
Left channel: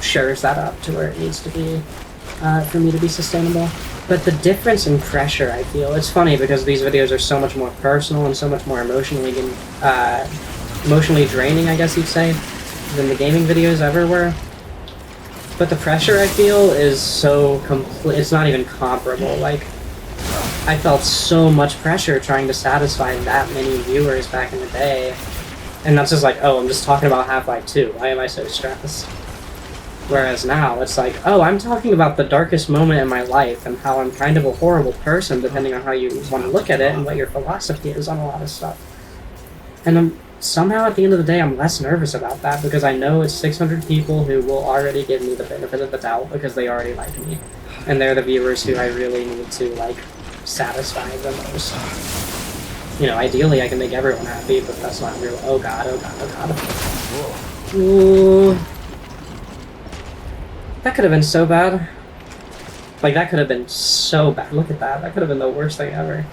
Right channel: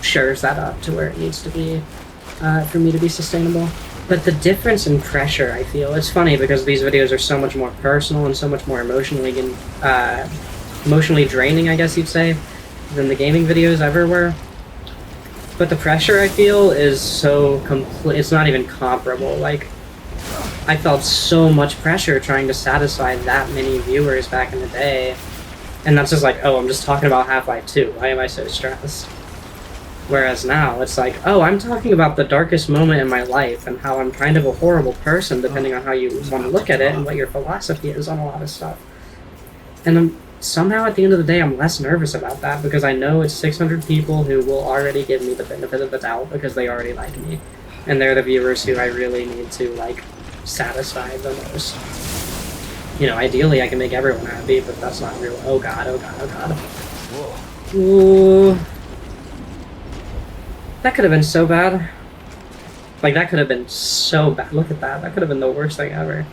shores that up to where it needs to be for me to be sustainable. But the difference in pressure, I feel, it's funny because these videos are so much more personal and so much more emotionally draining, I guess you'd say. than the gaming videos ever were. But the pressure I feel is so it's not even comparable. Like, I felt so much pressure trying to satisfy that many viewers back in the day. And that's just like, oh, I'm just talking about Half-Life 2. Why am I so stressed? Whereas now, it's like, oh, I'm talking about the darkest moment in my life and how I'm kind of a horrible person, depending on how you want to look at it and what your philosophy is on a lot of stuff. And somehow, at the end of the day, I'm less nervous about that because I know it's 600 people who will already give me the benefit of the doubt because they already like me. And they're the viewers who I really need to, like, satisfy the most. You know, ideally I can make everyone happy, but that's not real. Oh god, oh god, oh god. Whoa. Ooh. That could have been so bad. Like, that could have been so bad. Look at that. That could have been the worst thing ever.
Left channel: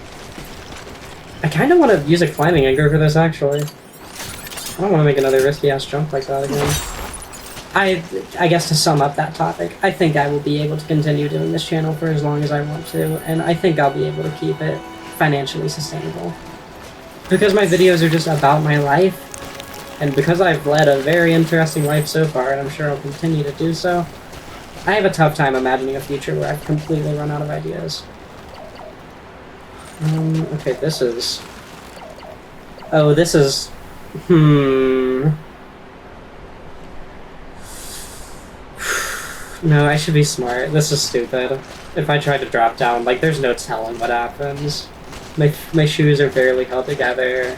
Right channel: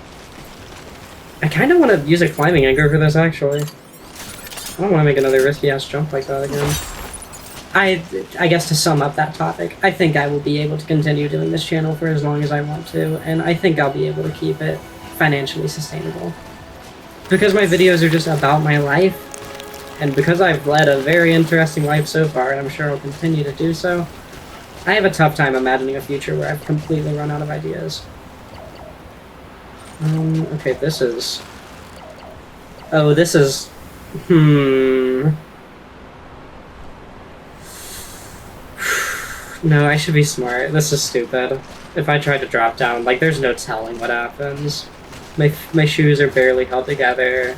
I kind of want to use a climbing anchor for this, actually. I don't want to make another risky-ass jump like that again. I guess to sum up that topic, I think I will be able to continue doing this channel for as long as I want to, and I think I'll be able to keep it financially sustainable. Because my videos are just about my life, and because I've led a very interesting life so far, and I'm sure I'll continue to do so, I have a tough time imagining a future where I've completely run out of ideas. Okay, this is... Oh, this is... No, I should be smart. This is stupid. If I try to drop down, like, there's no telling what happens. My shoes are barely held together.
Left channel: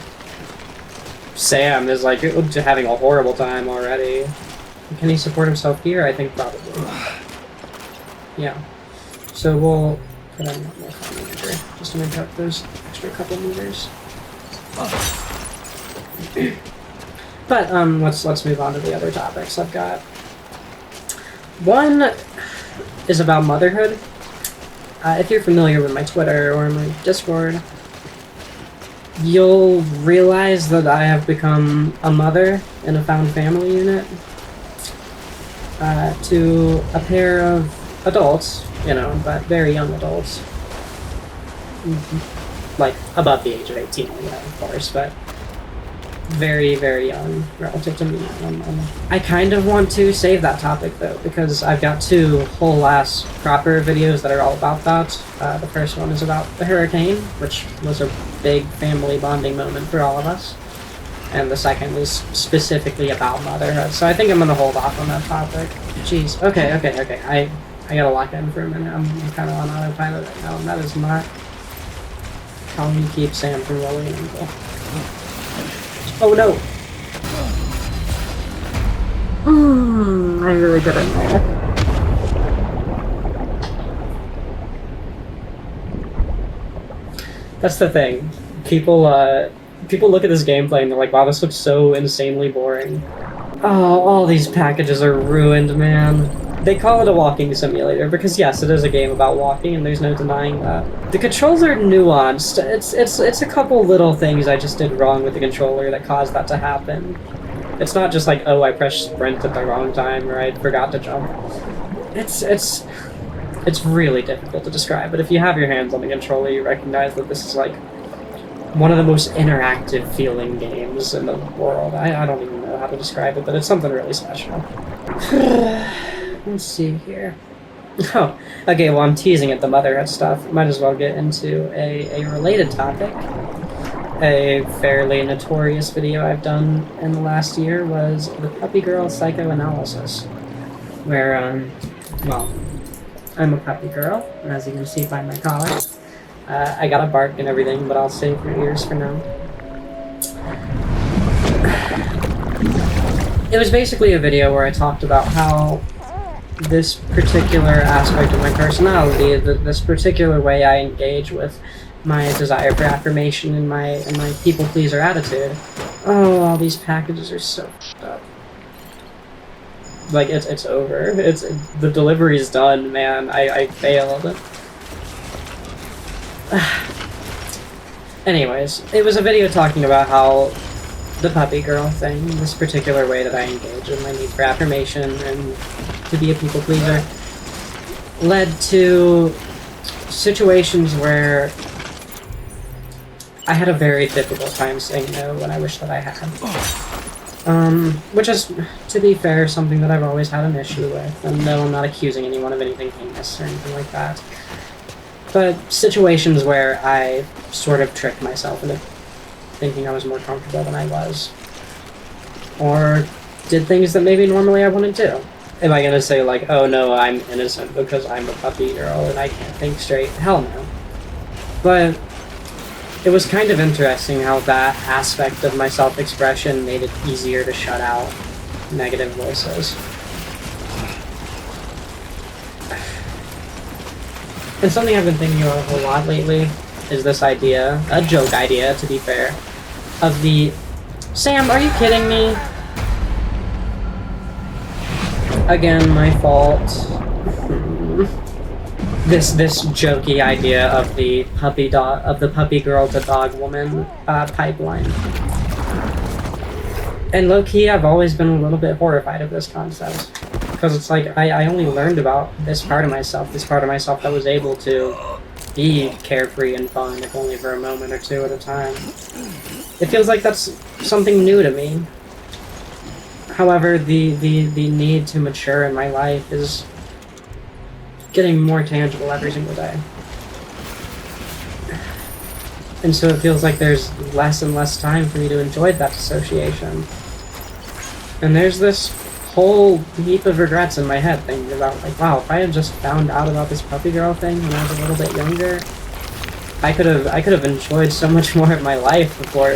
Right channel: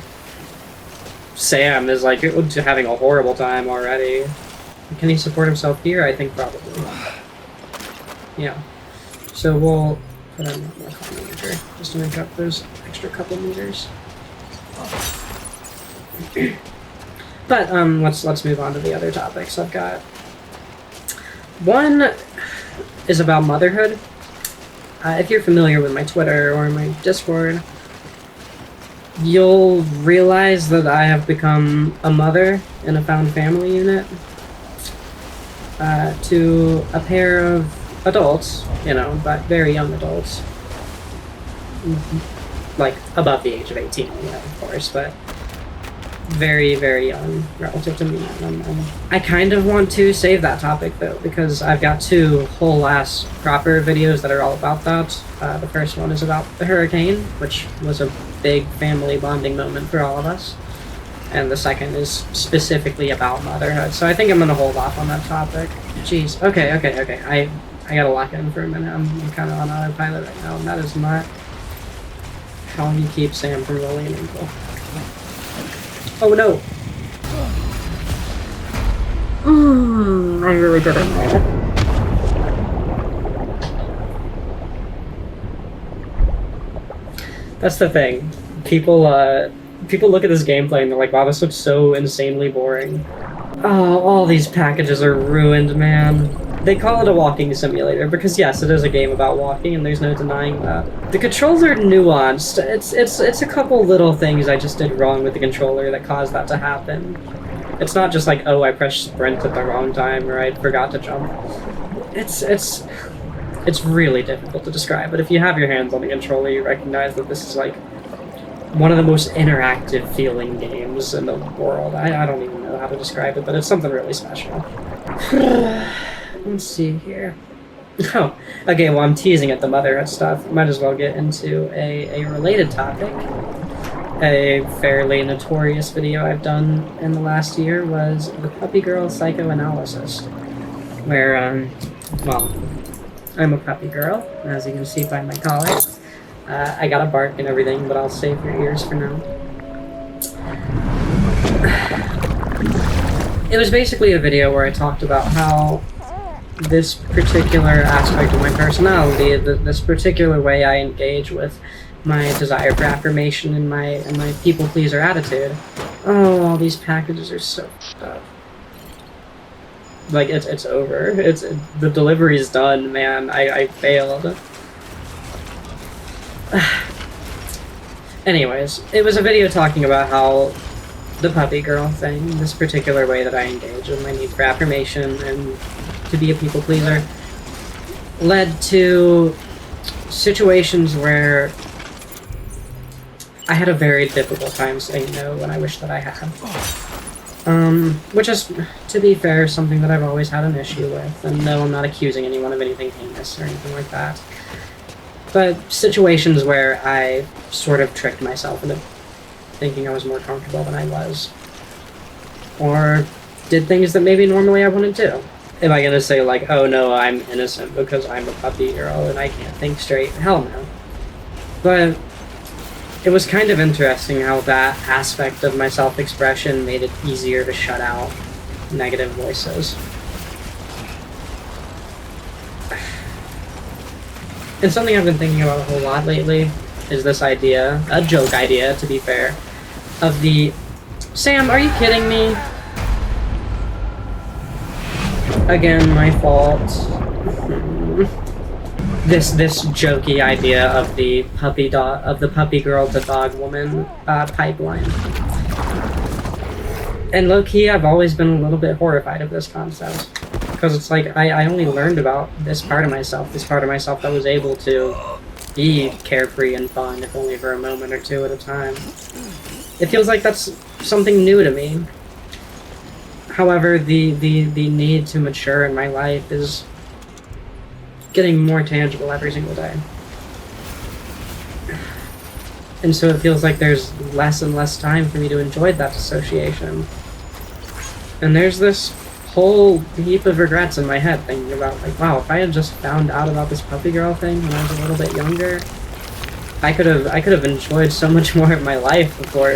Sam is, like, having a horrible time already. Can he support himself here? I think probably. Yeah. So we'll put on more meter just to make up those extra couple meters. But let's move on to the other topics I've got. One is about motherhood. If you're familiar with my Twitter or my Discord, you'll realize that I have become a mother in a found family unit to a pair of adults, you know, but very young adults. Like, above the age of 18 anyway, of course, but very, very young relative to me. I kind of want to save that topic, though, because I've got two whole-ass proper videos that are all about that. The first one is about the hurricane, which was a big family bonding moment for all of us. And the second is specifically about motherhood. So I think I'm going to hold off on that topic. Jeez. Okay. I gotta lock in for a minute. I'm kind of on autopilot right now, and that is not how we keep Sam from rolling into. Oh no! I really put in there. That's the thing. People look at this gameplay and they're like, wow, this looks so insanely boring. Oh, all these packages are ruined, man. They call it a walking simulator because yes, it is a game about walking, and there's no denying that. The controls are nuanced. It's a couple little things I just did wrong with the controller that caused that to happen. It's not just like, oh, I pressed sprint at the wrong time or I forgot to jump. It's really difficult to describe, but if you have your hands on the controller, you recognize that this is like one of the most interactive feeling games in the world. I don't even know how to describe it, but it's something really special. Let's see here. Oh, okay, well, I'm teasing at the motherhood stuff. Might as well get into a related topic. A fairly notorious video I've done in the last year was the Puppy Girl Psychoanalysis, where, well, I'm a puppy girl, as you can see by my collar. I got a bark and everything, but I'll save your ears for now. It was basically a video where I talked about how this particular aspect of my personality, this particular way I engage with my desire for affirmation and my people pleaser attitude. Oh, all these packages are so f***ed up. Like, it's over. The delivery's done, man. I failed. Anyways, it was a video talking about how the puppy girl thing, this particular way that I engage in my need for affirmation and to be a people pleaser, led to situations where I had a very difficult time saying no when I wish that I had. Which is, to be fair, something that I've always had an issue with. And no, I'm not accusing anyone of anything heinous or anything like that. But situations where I sort of tricked myself into thinking I was more comfortable than I was. Or did things that maybe normally I wouldn't do. Am I gonna say like, oh no, I'm innocent because I'm a puppy girl and I can't think straight? Hell no. But it was kind of interesting how that aspect of my self-expression made it easier to shut out negative voices. And something I've been thinking about a whole lot lately is this idea, a joke idea to be fair, of the, Sam, are you kidding me? Again, my fault. This jokey idea of the puppy girl to dog woman pipeline. And low-key, I've always been a little bit horrified of this concept. Because it's like, I only learned about this part of myself that was able to be carefree and fun, if only for a moment or two at a time. It feels like that's something new to me. However, the need to mature in my life is getting more tangible every single day. And so it feels like there's less and less time for me to enjoy that dissociation. And there's this whole heap of regrets in my head thinking about, like, wow, if I had just found out about this puppy girl thing when I was a little bit younger, I could have enjoyed so much more of my life before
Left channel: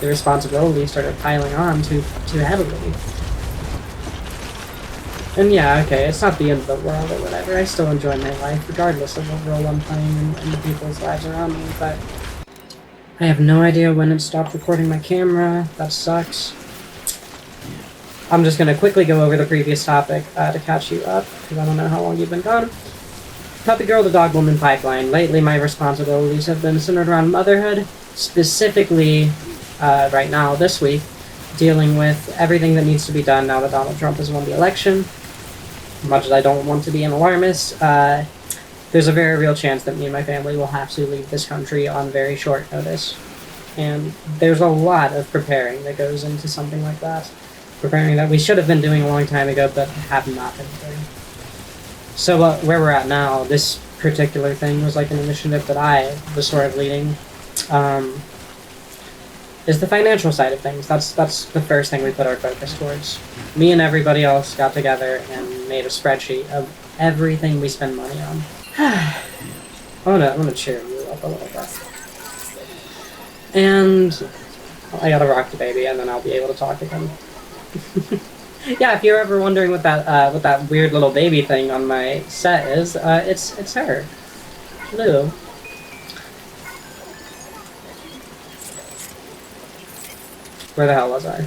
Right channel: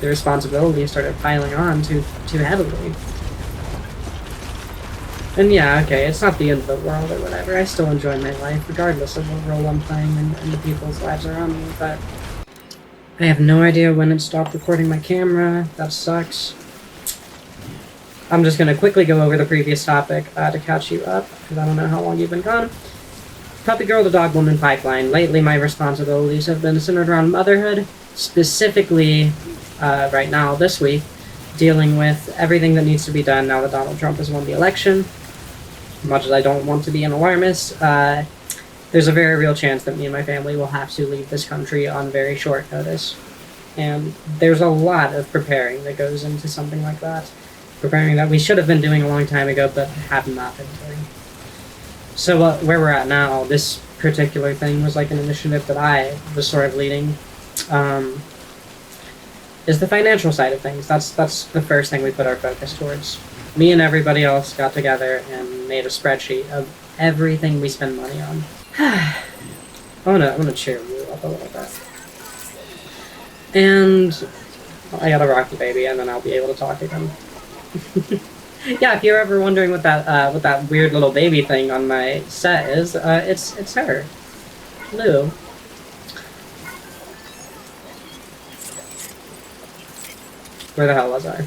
the responsibility started piling on to Emily. And yeah, okay, it's not the end of the world or whatever. I still enjoy my life, regardless of the role I'm playing and the people's lives around me, but I have no idea when it stopped recording my camera. That sucks. I'm just gonna quickly go over the previous topic to catch you up, because I don't know how long you've been gone. Puppy Girl to Dog Woman pipeline. Lately, my responsibilities have been centered around motherhood, specifically right now, this week, dealing with everything that needs to be done now that Donald Trump has won the election. As much as I don't want to be an alarmist, there's a very real chance that me and my family will have to leave this country on very short notice. And there's a lot of preparing that goes into something like that. Preparing that we should have been doing a long time ago, but have not been doing. So where we're at now, this particular thing was like an initiative that I was sort of leading. Is the financial side of things. That's the first thing we put our focus towards. Me and everybody else got together and made a spreadsheet of everything we spend money on. I wanna cheer you up a little bit. And I gotta rock the baby, and then I'll be able to talk again. Yeah, if you're ever wondering what that weird little baby thing on my set is, it's her, Lou. Where the hell was I?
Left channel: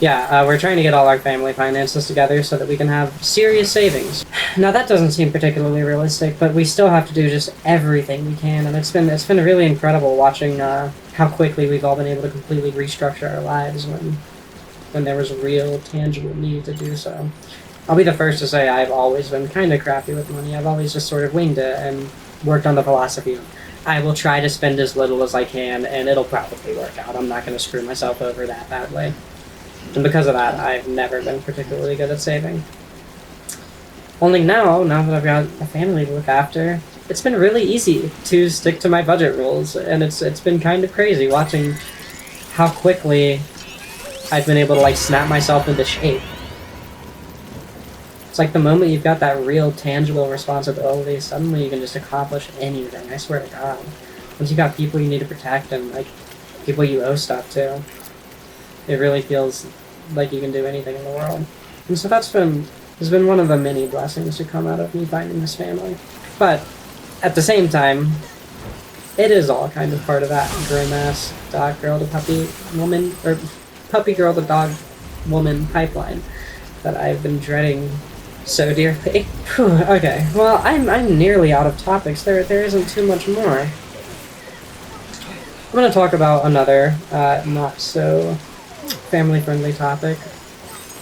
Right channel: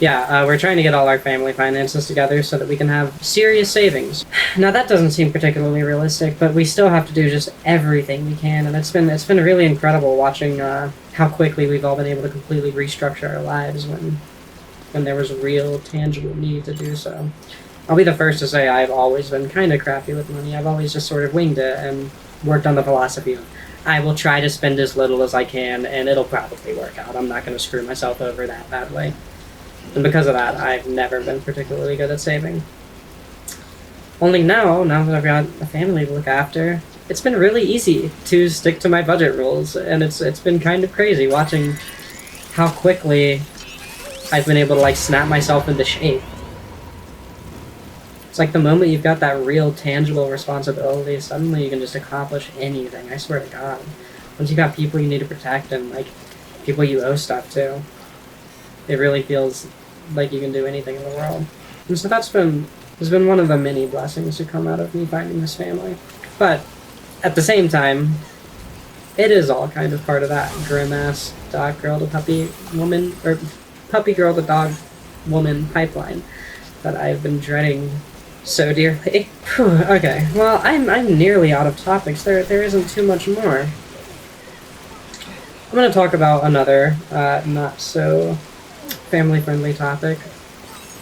Yeah, we're trying to get all our family finances together so that we can have serious savings. Now that doesn't seem particularly realistic, but we still have to do just everything we can, and it's been really incredible watching how quickly we've all been able to completely restructure our lives when there was a real, tangible need to do so. I'll be the first to say I've always been kind of crappy with money. I've always just sort of winged it and worked on the philosophy of I will try to spend as little as I can, and it'll probably work out. I'm not going to screw myself over that badly. And because of that, I've never been particularly good at saving. Only now that I've got a family to look after, it's been really easy to stick to my budget rules, and it's been kind of crazy watching how quickly I've been able to, like, snap myself into shape. It's like the moment you've got that real, tangible responsibility, suddenly you can just accomplish anything, I swear to God. Once you got people you need to protect and, like, people you owe stuff to, it really feels like you can do anything in the world. And so has been one of the many blessings to come out of me finding this family. But, at the same time, it is all kind of part of that grim-ass dog girl to puppy woman, or puppy girl to dog woman pipeline that I've been dreading so dearly. Okay, well, I'm nearly out of topics. There isn't too much more. I'm going to talk about another not so family-friendly topic.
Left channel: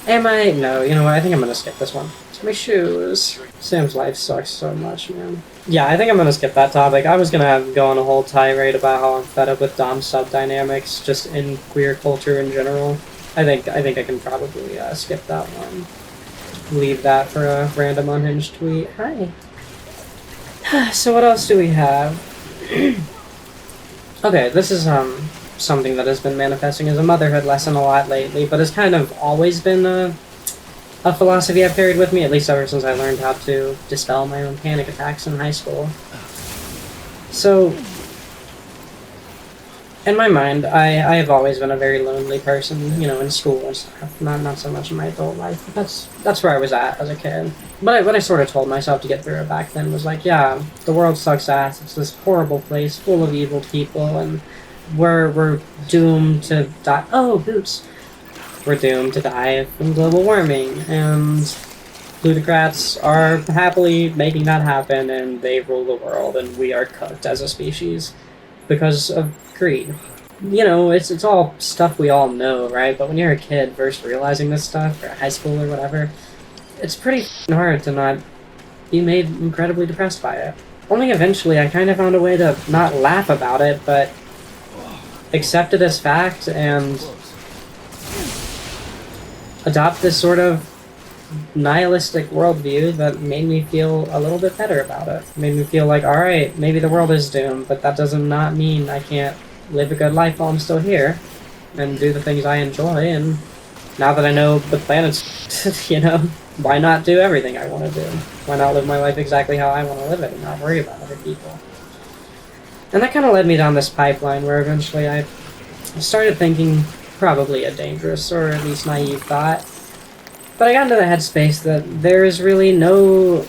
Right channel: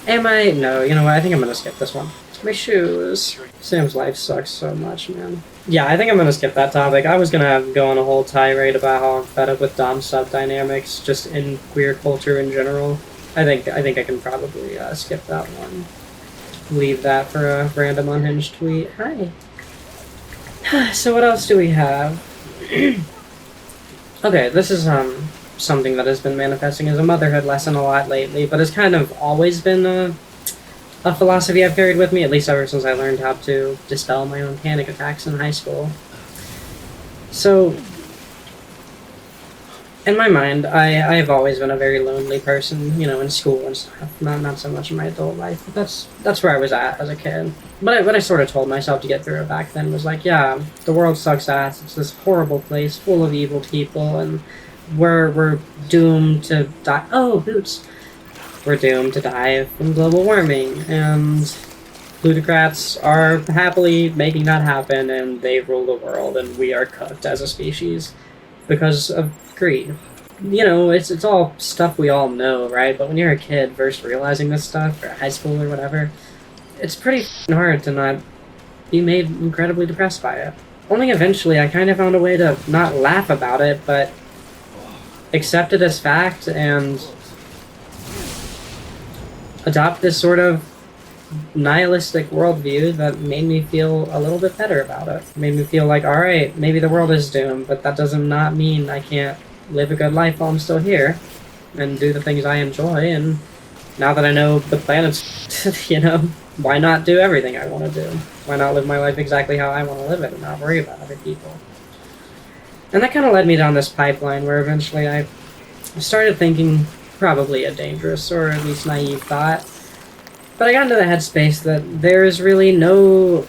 Am I? No, you know what? I think I'm going to skip this one. My shoes. Sam's life sucks so much, man. Yeah, I think I'm going to skip that topic. I was going to go on a whole tirade about how I'm fed up with dom-sub dynamics, just in queer culture in general. I think I can probably skip that one. Leave that for a random unhinged tweet. Hi. So what else do we have? Okay, this is something that has been manifesting as a motherhood lesson a lot lately, but it's kind of always been a philosophy I've carried with me, at least ever since I learned how to dispel my own panic attacks in high school. So, in my mind, I've always been a very lonely person, you know, in school and stuff. Not so much in my adult life, but that's where I was at as a kid. But what I sort of told myself to get through it back then was like, yeah, the world sucks ass. It's this horrible place full of evil people, and we're doomed to die. Oh, boots! We're doomed to die from global warming, and plutocrats are happily making that happen, and they rule the world, and we are cooked as a species because of greed. You know, it's all stuff we all know, right? But when you're a kid first realizing this stuff, or high school or whatever, it's pretty hard to not be made incredibly depressed by it. Only eventually I kind of found a way to not laugh about it, but accept it as fact and adopt this sort of nihilistic worldview that made me feel a little bit better about it. Made me feel like, alright, maybe the world is doomed, but that does not mean I can't live a good life while I'm still here and do the things I enjoy. And now that I know the planet's, you know, why not do everything I want to do? Why not live my life exactly how I want to live it and not worry about other people? And that kind of led me down this pipeline where eventually I started thinking probably a dangerous or at least naive thought. But I got into the headspace that there is really no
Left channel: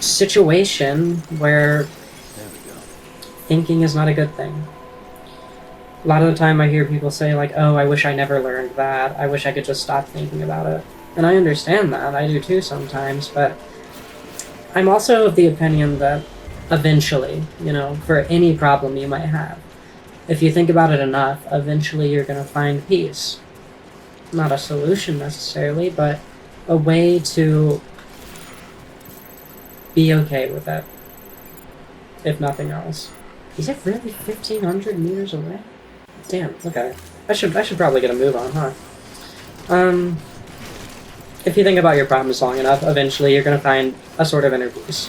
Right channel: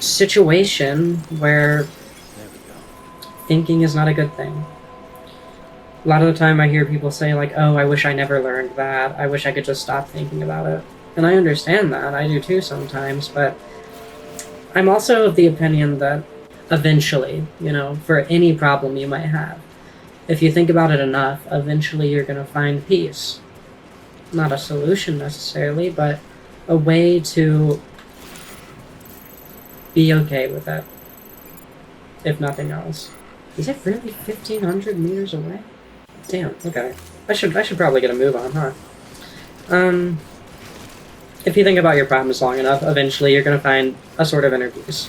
situation where thinking is not a good thing. A lot of the time I hear people say like, oh, I wish I never learned that. I wish I could just stop thinking about it. And I understand that. I do too sometimes. But I'm also of the opinion that eventually, you know, for any problem you might have, if you think about it enough, eventually you're going to find peace. Not a solution necessarily, but a way to be okay with it, if nothing else. Is it really 1,500 meters away? Damn, okay. I should probably get a move on, huh? If you think about your problems long enough, eventually you're gonna find a sort of inner peace.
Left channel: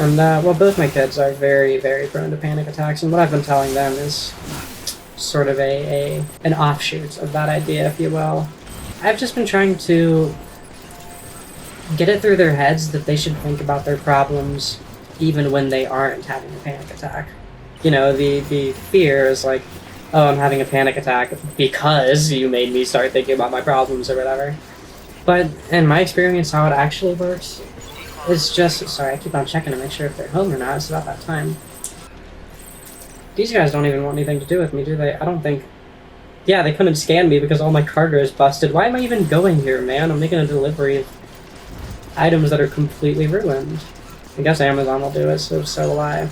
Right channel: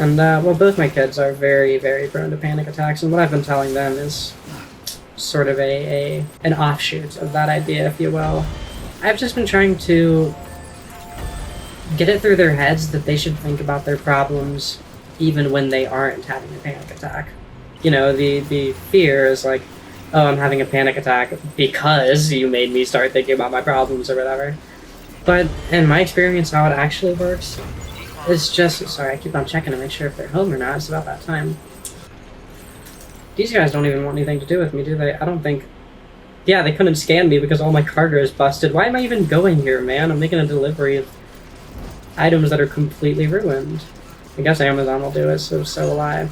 And, well, both my kids are very, very prone to panic attacks, and what I've been telling them is sort of an offshoot of that idea, if you will. I've just been trying to get it through their heads that they should think about their problems even when they aren't having a panic attack. You know, the fear is like, oh, I'm having a panic attack because you made me start thinking about my problems or whatever. But in my experience, how it actually works is just... Sorry, I keep on checking to make sure if they're home or not. It's not that time. These guys don't even want anything to do with me, do they? I don't think... Yeah, they couldn't scan me because all my cargo is busted. Why am I even going here, man? I'm making a delivery of items that are completely ruined. I guess Amazon will do it, so will I.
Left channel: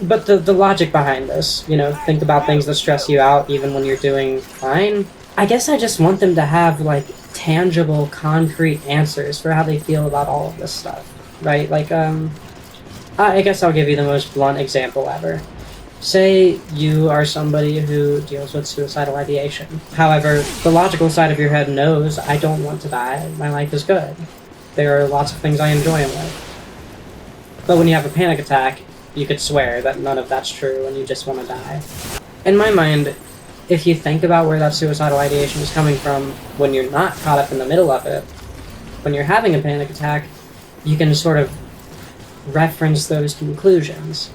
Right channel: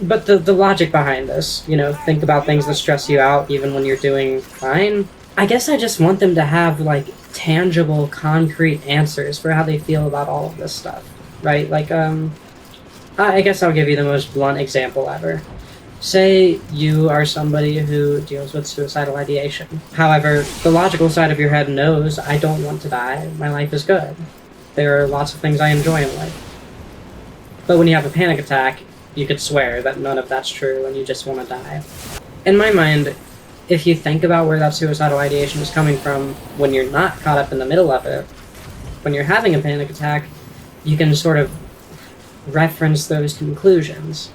But the logic behind this, you know, think about things that stress you out even when you're doing fine. I guess I just want them to have, like, tangible, concrete answers for how they feel about all of this stuff, right? Like, I guess I'll give you the most blunt example ever. Say you are somebody who deals with suicidal ideation. However, the logical side of your head knows I don't want to die, my life is good. There are lots of things I enjoy in life. But when you have a panic attack, you could swear that none of that's true and you just want to die. In my mind, if you think about where that suicidal ideation is coming from when you're not caught up in the middle of it, when you're having a panic attack, you can sort of reference those conclusions.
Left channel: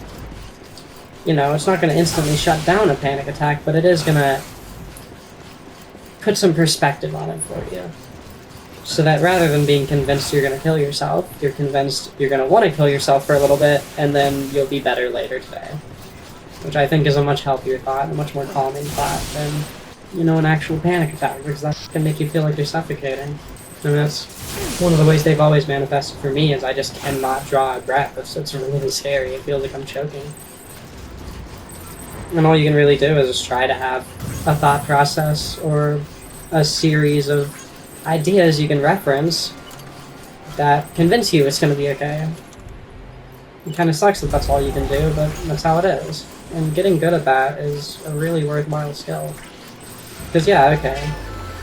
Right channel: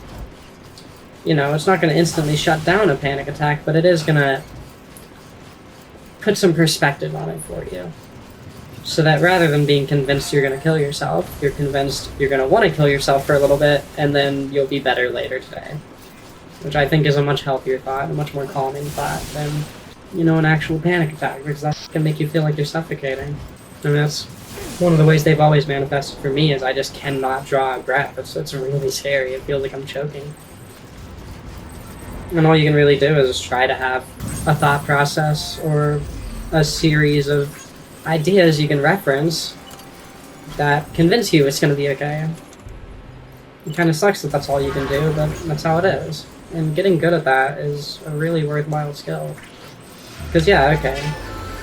You know, it's not going to instantly shut down a panic attack, but it is going to put some perspective on it for you. So that rather than being convinced you're going to kill yourself, you're convinced you're going to want to kill yourself for a little bit, and then you'll be better later today. Which I think is a much healthier thought, a much more calming thought than, you know, an actual panic attack, because that can make you feel like you're suffocating. I mean, that's one of the ways they've always manifested for me, is I just cannot draw a breath. It's really scary. It feels like I'm choking. And all you can really do is just try to have a thought process or a series of ideas you can reference that convince you it's going to be okay. It kind of sucks that that's all you can do, but that's how it is. And getting good at that is a really worthwhile skill. Because, yeah, okay.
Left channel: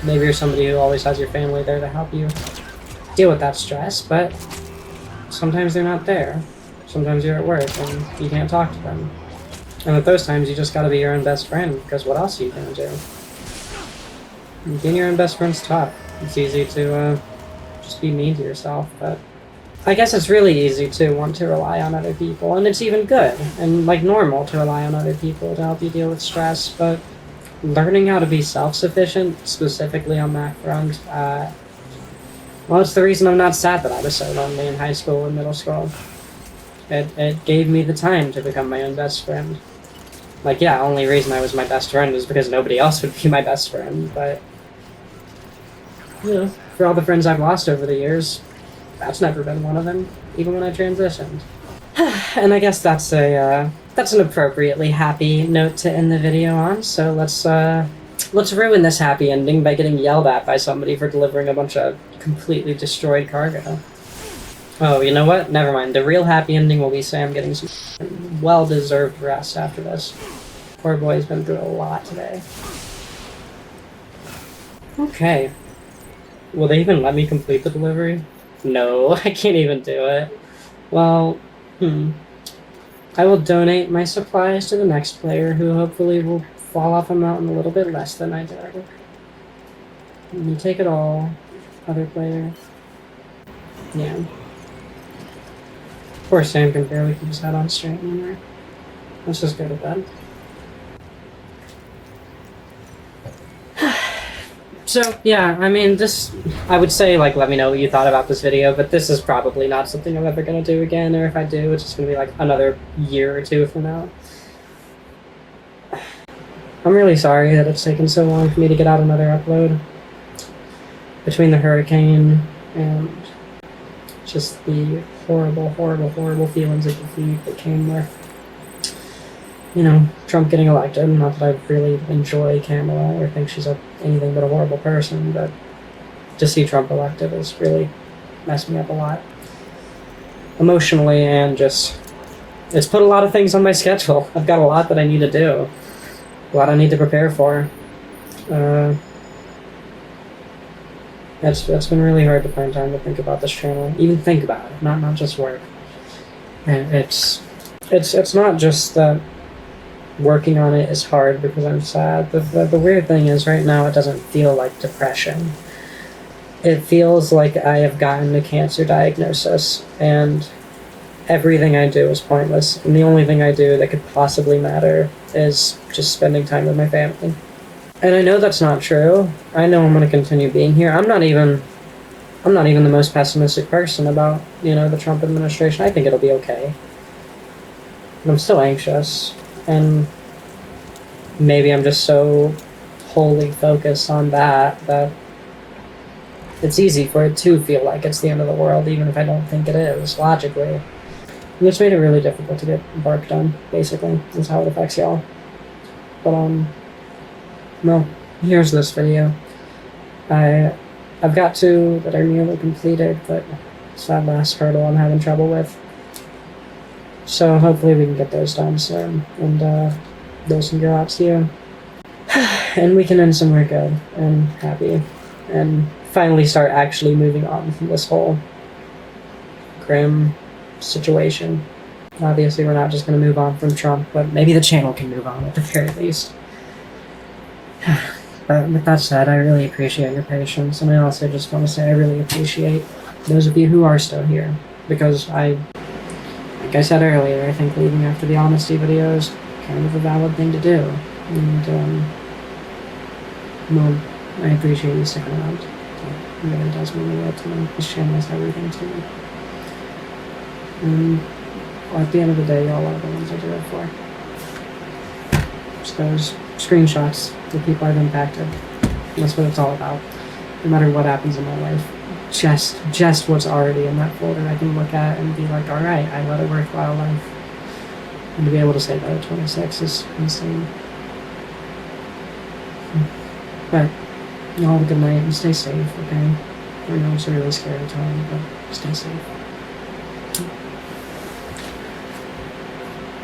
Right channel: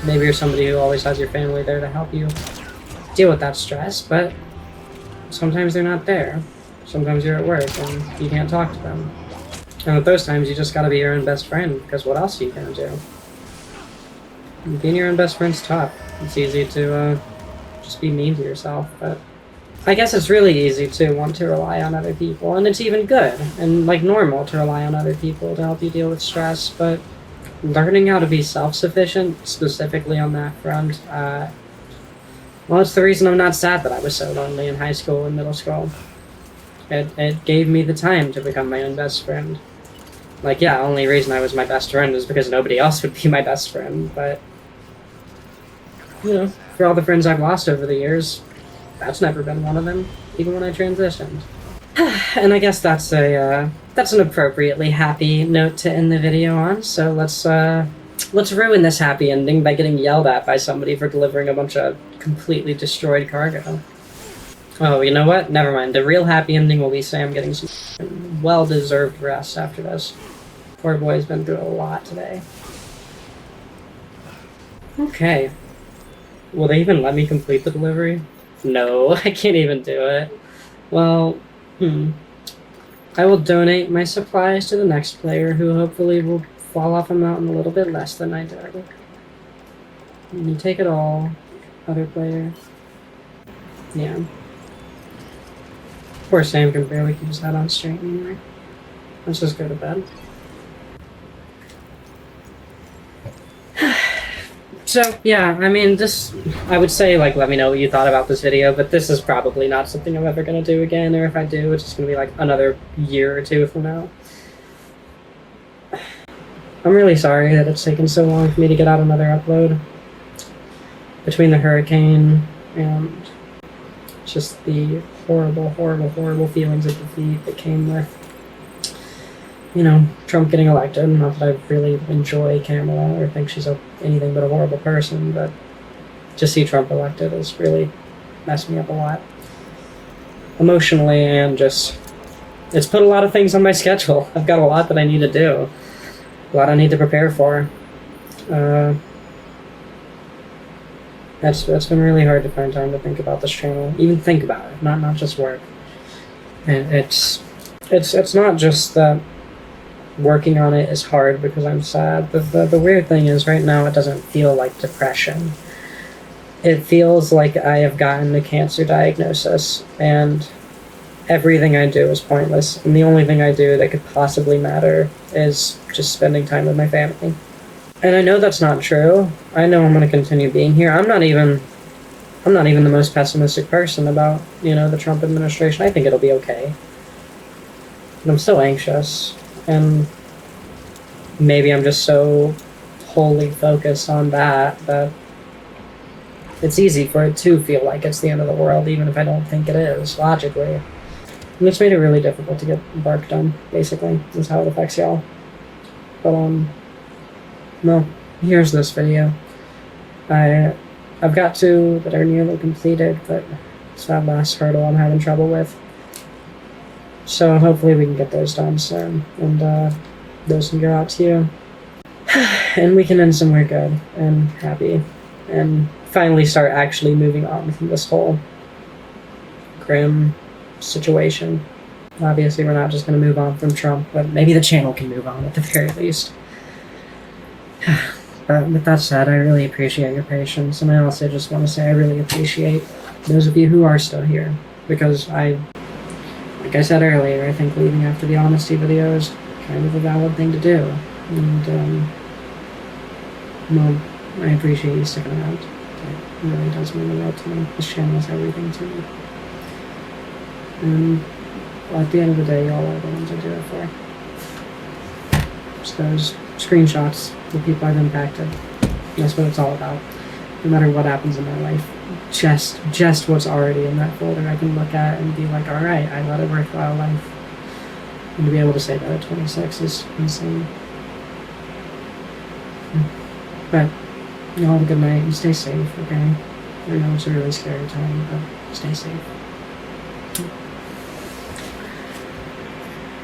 Maybe you're somebody who always has your family there to help you deal with that stress, but sometimes they're not there. Sometimes you're at work. You can't talk to them. And at those times, you just gotta be your own best friend, because what else are you gonna do? And being your own best friend's tough. It's easy to just be mean to yourself, but I guess it's really easy to want to rely on other people, and it's even good and like normal to rely on other people to help you deal with stress, but learning how to be self-sufficient, specifically on that front, well, it's the reason I'm not sad that I was so lonely in high school and middle school. It gave me the time to become my own best friend. Like, yeah, the only reason I was my best friend is because nobody else would be my best friend, but you know, for all the friends I've lost over the years, that's never been one of them, even when I transitioned. And I guess that's an appropriately happy note to end the video on. So let's ruin this happy ending by getting yelled at by somebody for delivering a bunch of completely destroyed cargo. Oh, you know what? Never mind. The real happy ending will be Sam getting some well-deserved rest after this. Poor boy's been through a lot today. Okay. Will they even let me complete the delivery? No, I can't even do it. Well, I will donate my supplies to the next player, who hopefully will fall off a mountain a little bit less than I did. You take it all, other player. Yeah. Poor Sam can barely keep his head on straight anymore. Let's just go to bed. So, yeah, I mean, I would say, like, let me know what you thought about this video, but this is probably not something I'm ever going to do again, or if I do, it's just going to be, like, another year or two from now. I'm really sorry that it's taken so long for me to get out another upload. Between the hurricane and just the horrible, horrible, horrible feelings of defeat that came with, you know, Trump getting elected. Not that I really enjoy Kamala or think she's anything but a horrible person, but to see Trump elected has really messed me up a lot. Emotionally, and just, it's put a lot of things on my schedule. I've got a lot that I need to do. A lot I need to prepare for. That's been really hard to find time to think about this channel. Even think about it, not just work. And it's not just that working on it is hard because I'm sad. The weird thing is right now it doesn't feel like depression. It feels like I have gotten a cancer diagnosis and everything I do is pointless. And the only thing I do that could possibly matter is just spending time with my family. And I know that's not true. I know I'm going to continue being here. I'm not even the most pessimistic person about, you know, the Trump administration. I think it'll be okay. But I'm still anxious. And maybe I'm just so wholly focused on that it's easy for it to feel like it's the end of the world, even if I don't think it is, logically. And it's made it really difficult to get work done, basically. That's how it affects y'all. But, well, here's this video. I've got two that are nearly completed, but it's that last hurdle I'm having trouble with. So hopefully we can get those done soon, and those can go out to you. And we can end somewhere good and happy, and finally start actually moving on from this whole grim situation. Obviously we're not just going to move on from Trump, but maybe the channel can move on at the very least. But with that said, I really appreciate your patience, and I also just want to say I really appreciate those of you who are still here, because like I said earlier, I think leaving after the honesty video is kind of a valid thing to do. And, well, I appreciate you sticking around. It really does mean the world to me. This channel is everything to me. And, well, at the end of the day, y'all are the ones I do it for. Just those screenshots of people I've impacted. That's what it's all about. No matter what happens in my life, just what's already in that folder I can look at and be like, alright, I led a worthwhile life. And to be able to say that at 26 is insane. But, y'all have a good night and stay safe, okay? I know it's a really scary time, but stay safe.